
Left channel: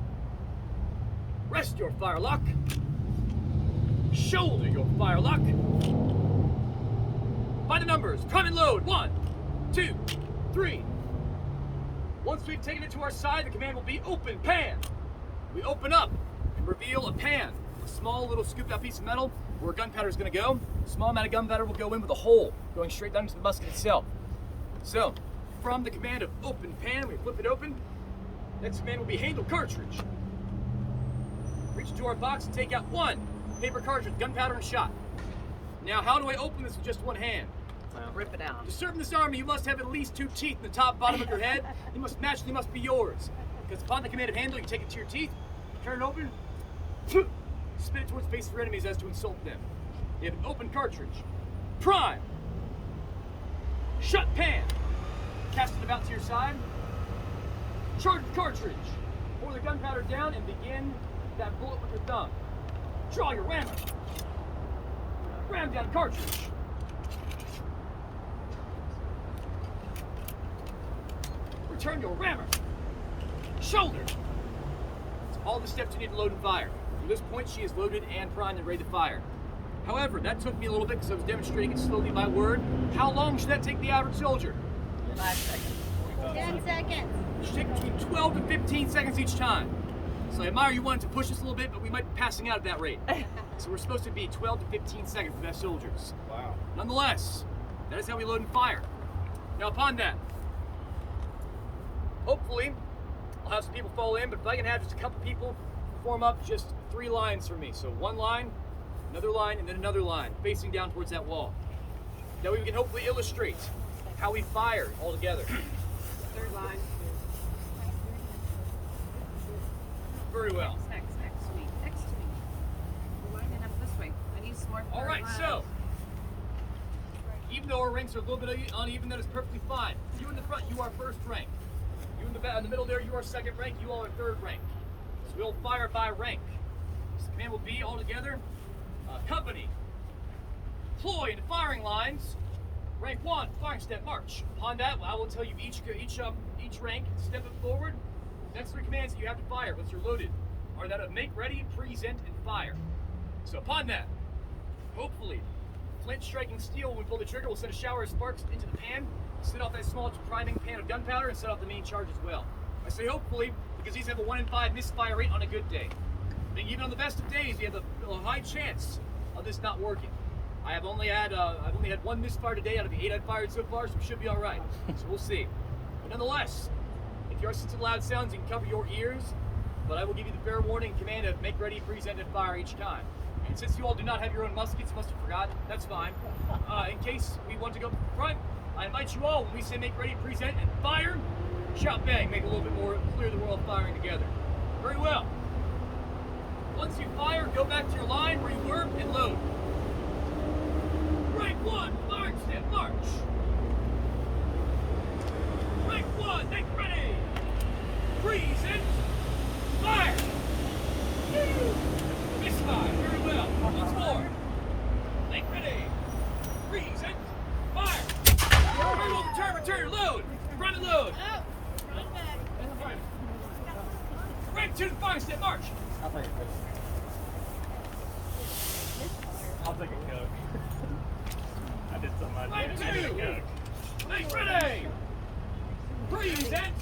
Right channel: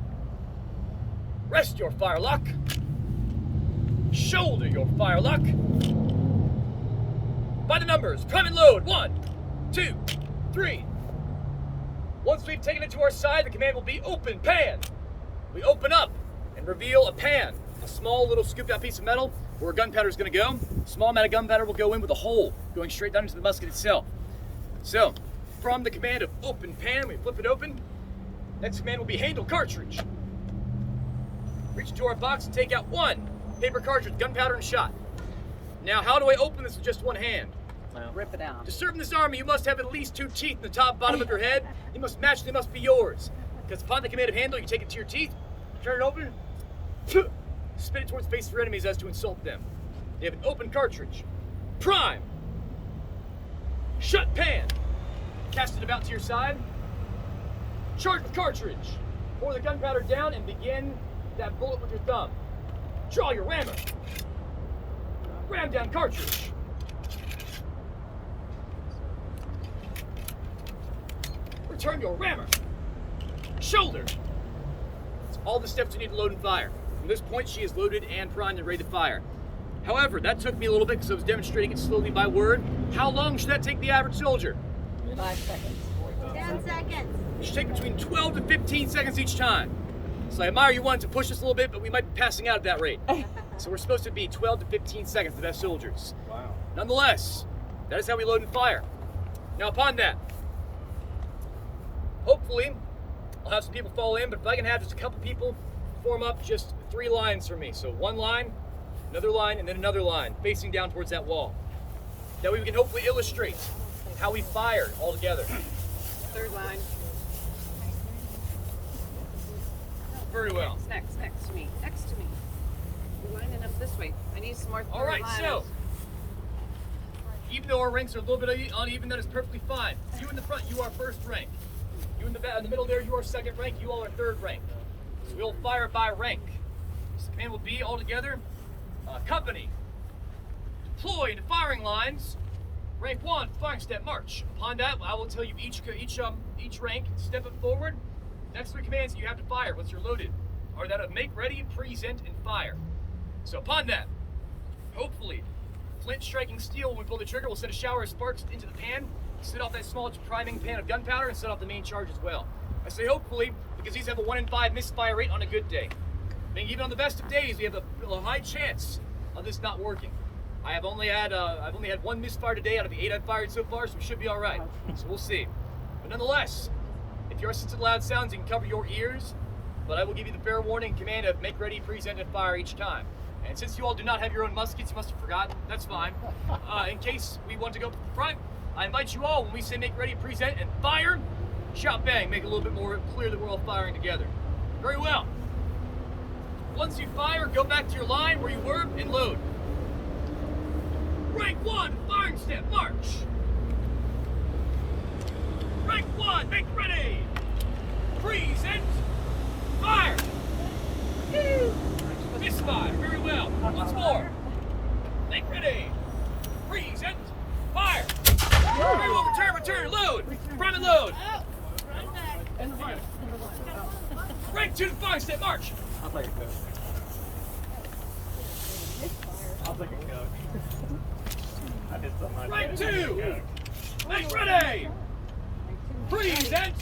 Rest your firelock. Shoulder your firelock. By the numbers, prime and load. 1, 2, 3. Once we've taken it to our side, the command will be open pan. We open up and reveal a pan, a small little scooped out piece of metal where gunpowder is going to go. A small amount of gunpowder will go in with a hole going straight down into the musket itself. So, from the command of open pan, we flip it open. Next command will be handle cartridge. Reach into our box and take out 1 paper cartridge, gunpowder and shot. Now, how do I open this with just one hand? Rip it out. To serve in this army, you must have at least 2 teeth in the top and bottom of your head. They must match, they must be yours. Because upon the command of handle, you take it to your teeth, turn it open, spin it towards the face of your enemies as to insult them. They have an open cartridge. Prime. Shut pan. Cast it about to your side. Charge the cartridge. Pour the gunpowder down and begin that bullet with your thumb. Draw your rammer. Ram down cartridge. Return your rammer. Shoulder. That's all the steps you need to load and fire. From this point, she is loaded and primed and ready to fire. However, that took me a little bit because I was demonstrating it slowly by word. How long should that take the average soldier? 5 seconds. 10 seconds. It should take between 12 to 15 seconds each time. So I admire you wanting to push us a little bit, but we might be passing out at that rate. So we're supposed to be 12 to 15 seconds, the best soldiers. Wow. Nonetheless, that is how we load and fire. Now upon that, hopefully, I'll have some people fall in, but if I can have just a couple people form up just 3 lines for me. So 1 line, another line, and then another line, facing down towards that wall. That way we can hopefully illustrate how we fired all together. 3rd line. Very well. Next to me. Next to me. You're lining up this way. I need some more. All right, so even though our ranks are a little bit uneven, that is perfectly fine. You in the front, you are 1st rank. You in the middle there, you are 2nd rank. You all are 3rd rank. So we'll fire by rank. So the command will be all together. Company, deploy into firing lines. Rank 1, firing step, march. Upon that, I will tell you each rank, step it forward. Next 3 commands that you have to fire once you're loaded are that of make ready, present, and fire. So upon that, hopefully, flint striking steel when we pull the trigger will send a shower of sparks into the pan, set off that small priming pan of gunpowder, and set off the main charge as well. I say hopefully because these have a 1 in 5 misfire rate on a good day. Meaning even on the best of days, we have a high chance of this not working. I've only had 1 misfire today out of the 8 I've fired so far, so we should be all right. So we'll see. But nonetheless, if you're sensitive to loud sounds, you can cover your ears. But I will give you the fair warning command of make ready, present, and fire each time. And since you all do not have your own muskets, you must have forgotten. That's fine. In case we want to go to the front, I invite you all, when we say make ready, present, and fire, shout bang, make it a little bit more clear that we're all firing together. Very well. Once you fire, go back to your line where you were and load. Rank 1, firing step, march. Rank 1, make ready. Present, fire. Misfire, very well. Once more. Make ready. Present, fire. Very well, return, load. Prime and load. Rank 2, firing step, march. I'll take a coke. I'll take a coke. I did something. Rank 2, make ready. Present,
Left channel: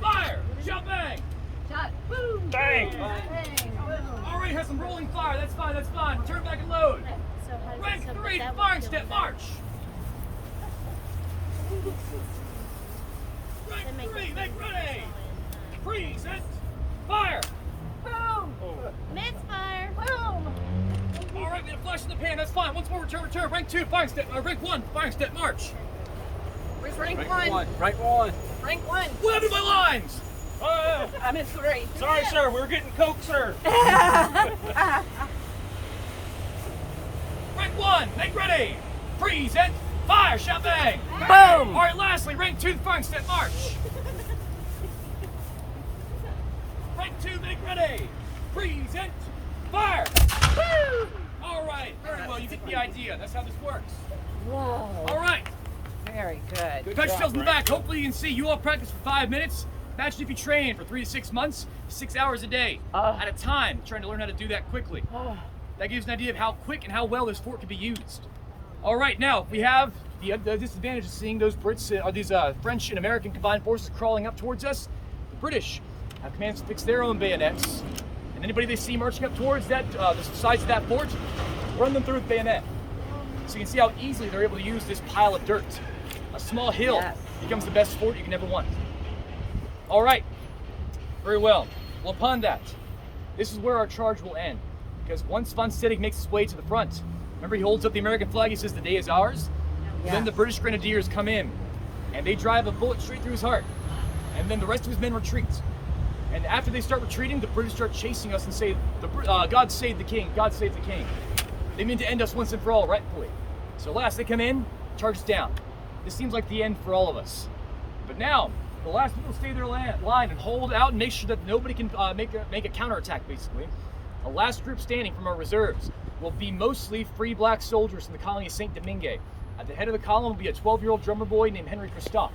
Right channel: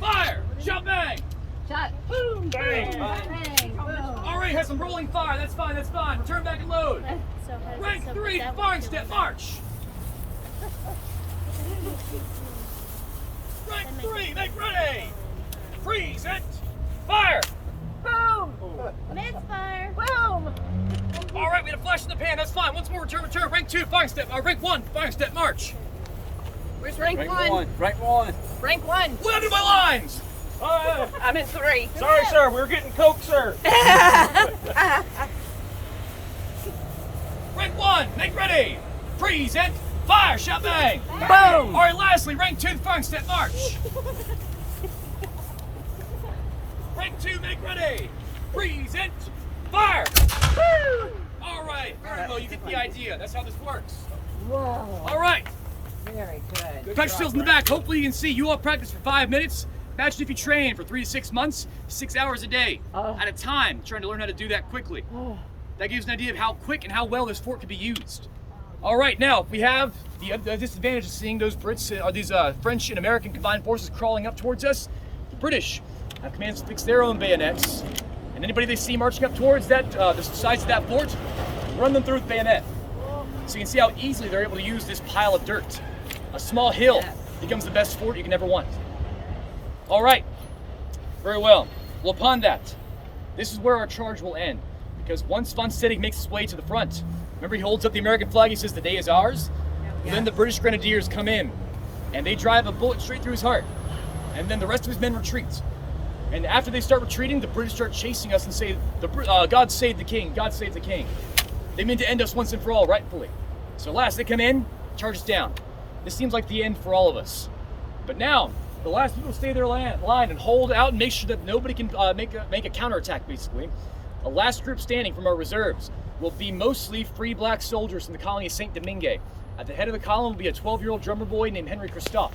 fire. Shot bang. Shot. Bang! Already has some rolling fire. That's fine. Turn back and load. So how does Rank 3, firing step, march. Rank 3, make ready. Present, fire. Boom! Misfire! Boom! All right, we had a flash in the pan. That's fine. Once more, return. Rank 2, firing step. Rank 1, firing step, march. Where's rank 1? Rank 1. Rank 1. What happened to my lines? I'm at 3. Sorry, sir. We were getting coke, sir. Rank 1, make ready. Present, fire. Shot bang. Boom! All right, lastly, rank 2, firing step, march. Rank 2, make ready. Present, fire. All right, very well. You get the idea. That's how this works. Whoa. All right. Very good. Touch yourselves in the back. Hopefully you can see. You all practice for 5 minutes. Imagine if you train for 3 to 6 months, 6 hours a day at a time, trying to learn how to do that quickly. That gives an idea of how quick and how well this fort can be used. All right, now we have the disadvantage of seeing those these French and American combined forces crawling up towards us. The British have commands to fix their own bayonets, and anybody they see marching up towards that the sides of that fort, run them through with bayonet. So you can see how easily they're able to use this pile of dirt. A small hill becomes the best fort you can ever want. All right, very well. Well, upon that, this is where our charge will end. Because once von Steding makes his way to the front, remember he holds up the American flag, he says the day is ours? Then the British Grenadiers come in, and they drive a bullet straight through his heart. And then the rest of his men retreat. And after they start retreating, the British start chasing us and say, God save the king, God save the king. They mean to end us once and for all, rightfully. So last, they come in, charge us down. This seems like the end for all of us. But now, the last people to stay their line and hold out and make sure that nobody can make a counterattack, basically. The last group standing from our reserves will be mostly free black soldiers from the colony of Saint Domingue. At the head of the column will be a 12-year-old drummer boy named Henry Christophe.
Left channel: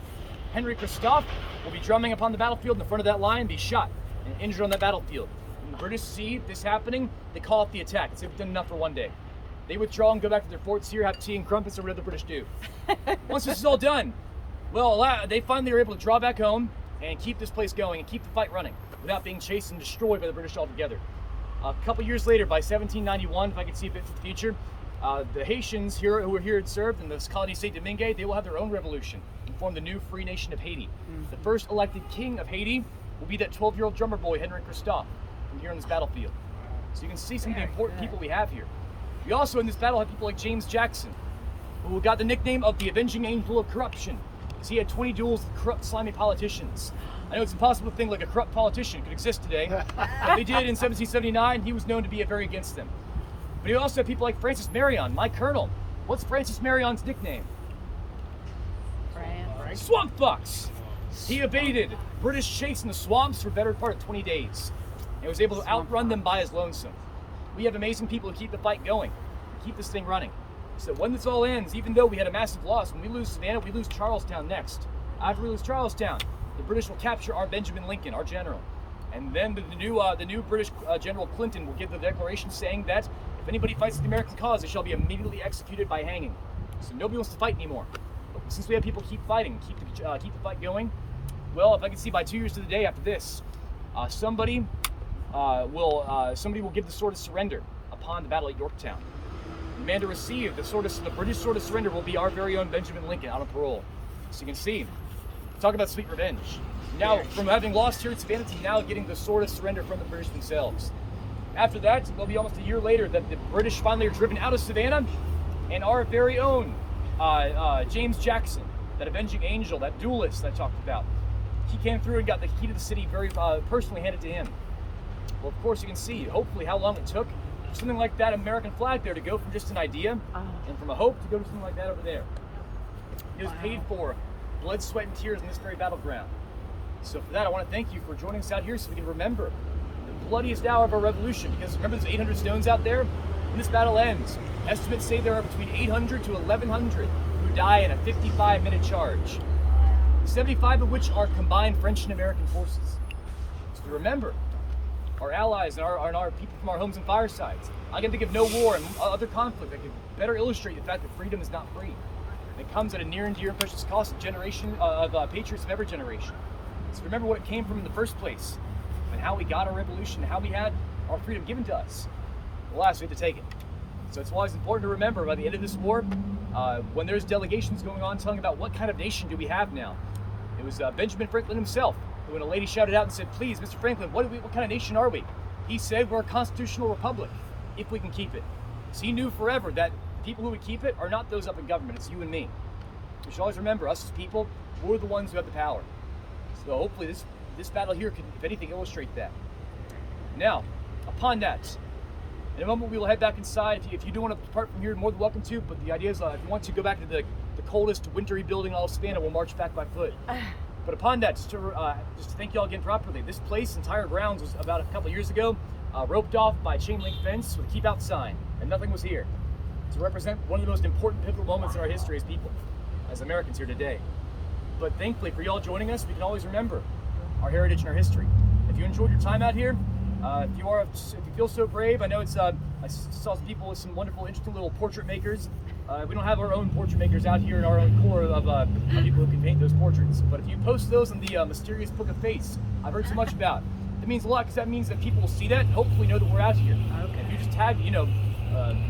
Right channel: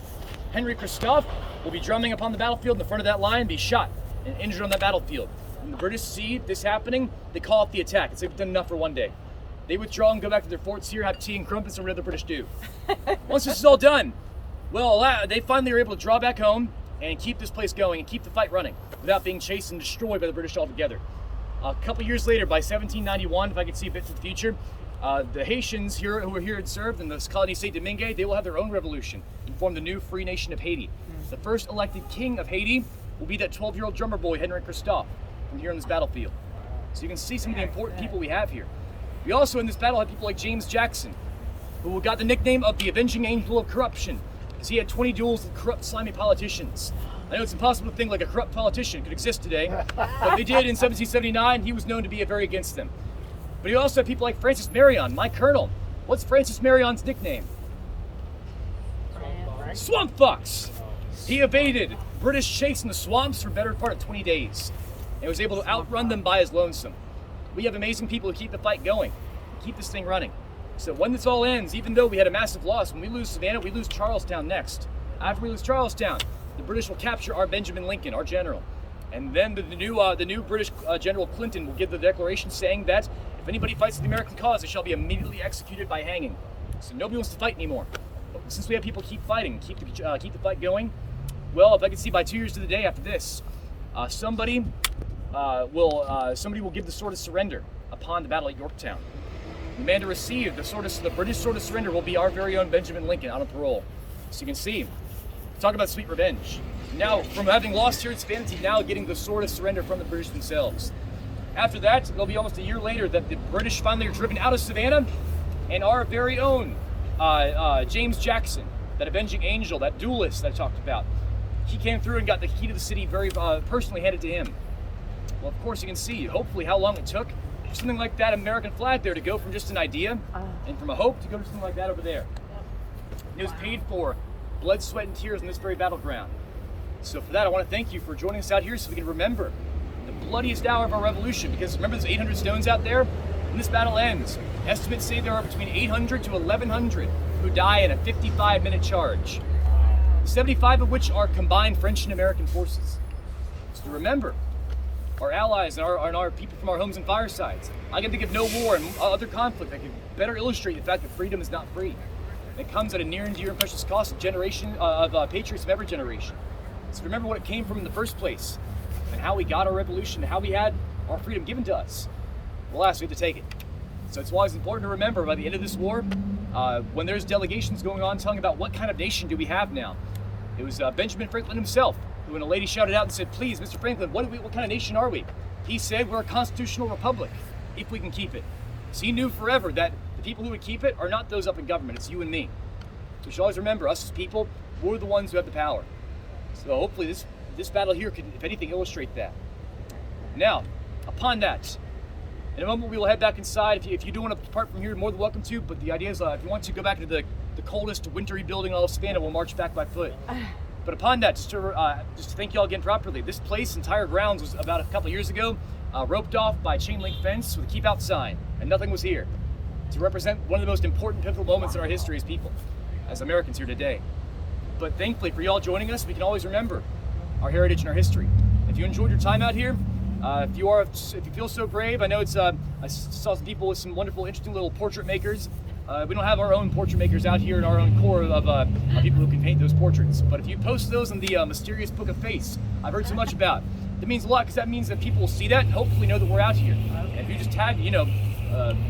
Henry Christophe will be drumming upon the battlefield in the front of that line and be shot and injured on that battlefield. When the British see this happening, they call off the attack. It's they've done enough for one day. They withdraw and go back to their forts here, have tea and crumpets, and whatever the British do. Once this is all done, well, they finally are able to draw back home and keep this place going and keep the fight running without being chased and destroyed by the British altogether. A couple years later, by 1791, if I could see a bit to the future, the Haitians here who are here and served in the colony of Saint Domingue, they will have their own revolution and form the new free nation of Haiti. The first elected king of Haiti will be that 12-year-old drummer boy, Henry Christophe, from here on this battlefield. So you can see some of the important people we have here. We also in this battle have people like James Jackson, who got the nickname of the Avenging Angel of Corruption, because he had 20 duels with corrupt, slimy politicians. I know it's impossible to think like a corrupt politician could exist today, but they did in 1779. He was known to be very against them. But you also have people like Francis Marion, my colonel. What's Francis Marion's nickname? Swamp Fox. He evaded British chase in the swamps for a better part of 20 days and was able to outrun them by his lonesome. We have amazing people who keep the fight going, keep this thing running. So when this all ends, even though we had a massive loss, when we lose Savannah, we lose Charlestown next. After we lose Charlestown, the British will capture our Benjamin Lincoln, our general. And then the new British General Clinton will give the declaration saying that if anybody fights the American cause, they shall be immediately executed by hanging. So nobody wants to fight anymore. But since we have people keep fighting, keep the fight going, well, if I can see by 2 years to the day after this, somebody will give the sword of surrender upon the battle at Yorktown. The man to receive the British sword of surrender will be our very own Benjamin Lincoln out on parole. So you can see, talk about sweet revenge. Now, from having lost here at Savannah to now getting the sword of surrender from the British themselves. After that, it'll be almost a year later that the British finally are driven out of Savannah, and our very own James Jackson, that avenging angel, that duelist that I talked about, he came through and got the key to the city very personally handed to him. Well, of course, you can see, hopefully, how long it took for something like that American flag there to go from just an idea and from a hope to go to something like that over there. It was paid for blood, sweat, and tears in this very battleground. So for that, I want to thank you for joining us out here so we can remember the bloodiest hour of our revolution. Because remember, there's 800 stones out there. When this battle ends, estimates say there are between 800 to 1,100 who die in a 55-minute charge, 75 of which are combined French and American forces. So to remember our allies and our people from our homes and firesides. I can think of no war and other conflict that could better illustrate the fact that freedom is not free. It comes at a near and dear and precious cost of generation of patriots of every generation. So remember what it came from in the first place, and how we got our revolution, how we had our freedom given to us. Alas, we have to take it. So it's always important to remember by the end of this war, when there's delegations going on telling about what kind of nation do we have now. It was Benjamin Franklin himself who, when a lady shouted out and said, "Please, Mr. Franklin, what kind of nation are we?" He said, "We're a constitutional republic, if we can keep it." So he knew forever that the people who would keep it are not those up in government, it's you and me. We should always remember, us as people, we're the ones who have the power. So hopefully this battle here can, if anything, illustrate that. Now, upon that, in a moment we will head back inside. If you do want to depart from here, you're more than welcome to, but the idea is if you want to go back to the coldest, wintry building in all of Savannah, we'll march back by foot. But upon that, just to thank you all again properly, this place, entire grounds, was about a couple years ago roped off by a chain link fence with a keep out sign, and nothing was here, to represent one of the most important pivotal moments in our history as people, as Americans here today. But thankfully for y'all joining us, we can always remember our heritage and our history. If you enjoyed your time out here, if you feel so brave, I know it's I saw some people with some wonderful, interesting little portrait makers. We don't have our own portrait makers out here in our own core of people who can paint those portraits. But if you post those in the mysterious book of face I've heard so much about, that means a lot, because that means that people will see that and hopefully know that we're out here. Okay. And if you just tag,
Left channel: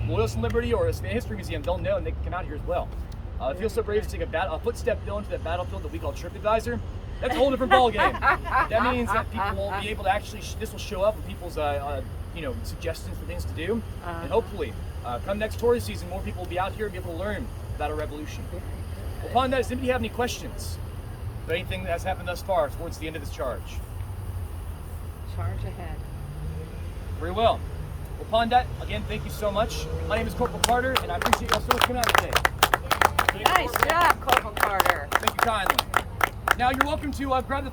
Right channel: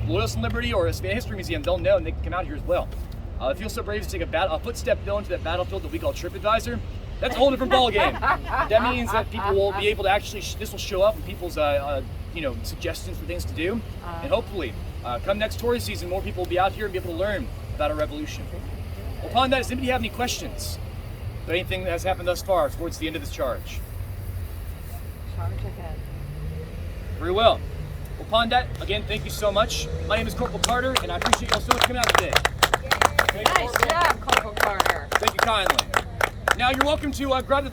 Loyalist Liberty or a Savannah History Museum, they'll know and they can come out here as well. If you feel so brave to take a footstep into that battlefield that we call TripAdvisor, that's a whole different ballgame. That means that people will be able to actually, this will show up in people's suggestions for things to do. And hopefully, come next tourist season, more people will be out here and be able to learn about our revolution. Upon that, does anybody have any questions about anything that has happened thus far towards the end of this charge? Charge ahead. Very well. Upon that, again, thank you so much. My name is Corporal Carter, and I appreciate you so much coming out today. Nice job, Corporal Carter. Thank you kindly. Now you're welcome to grab the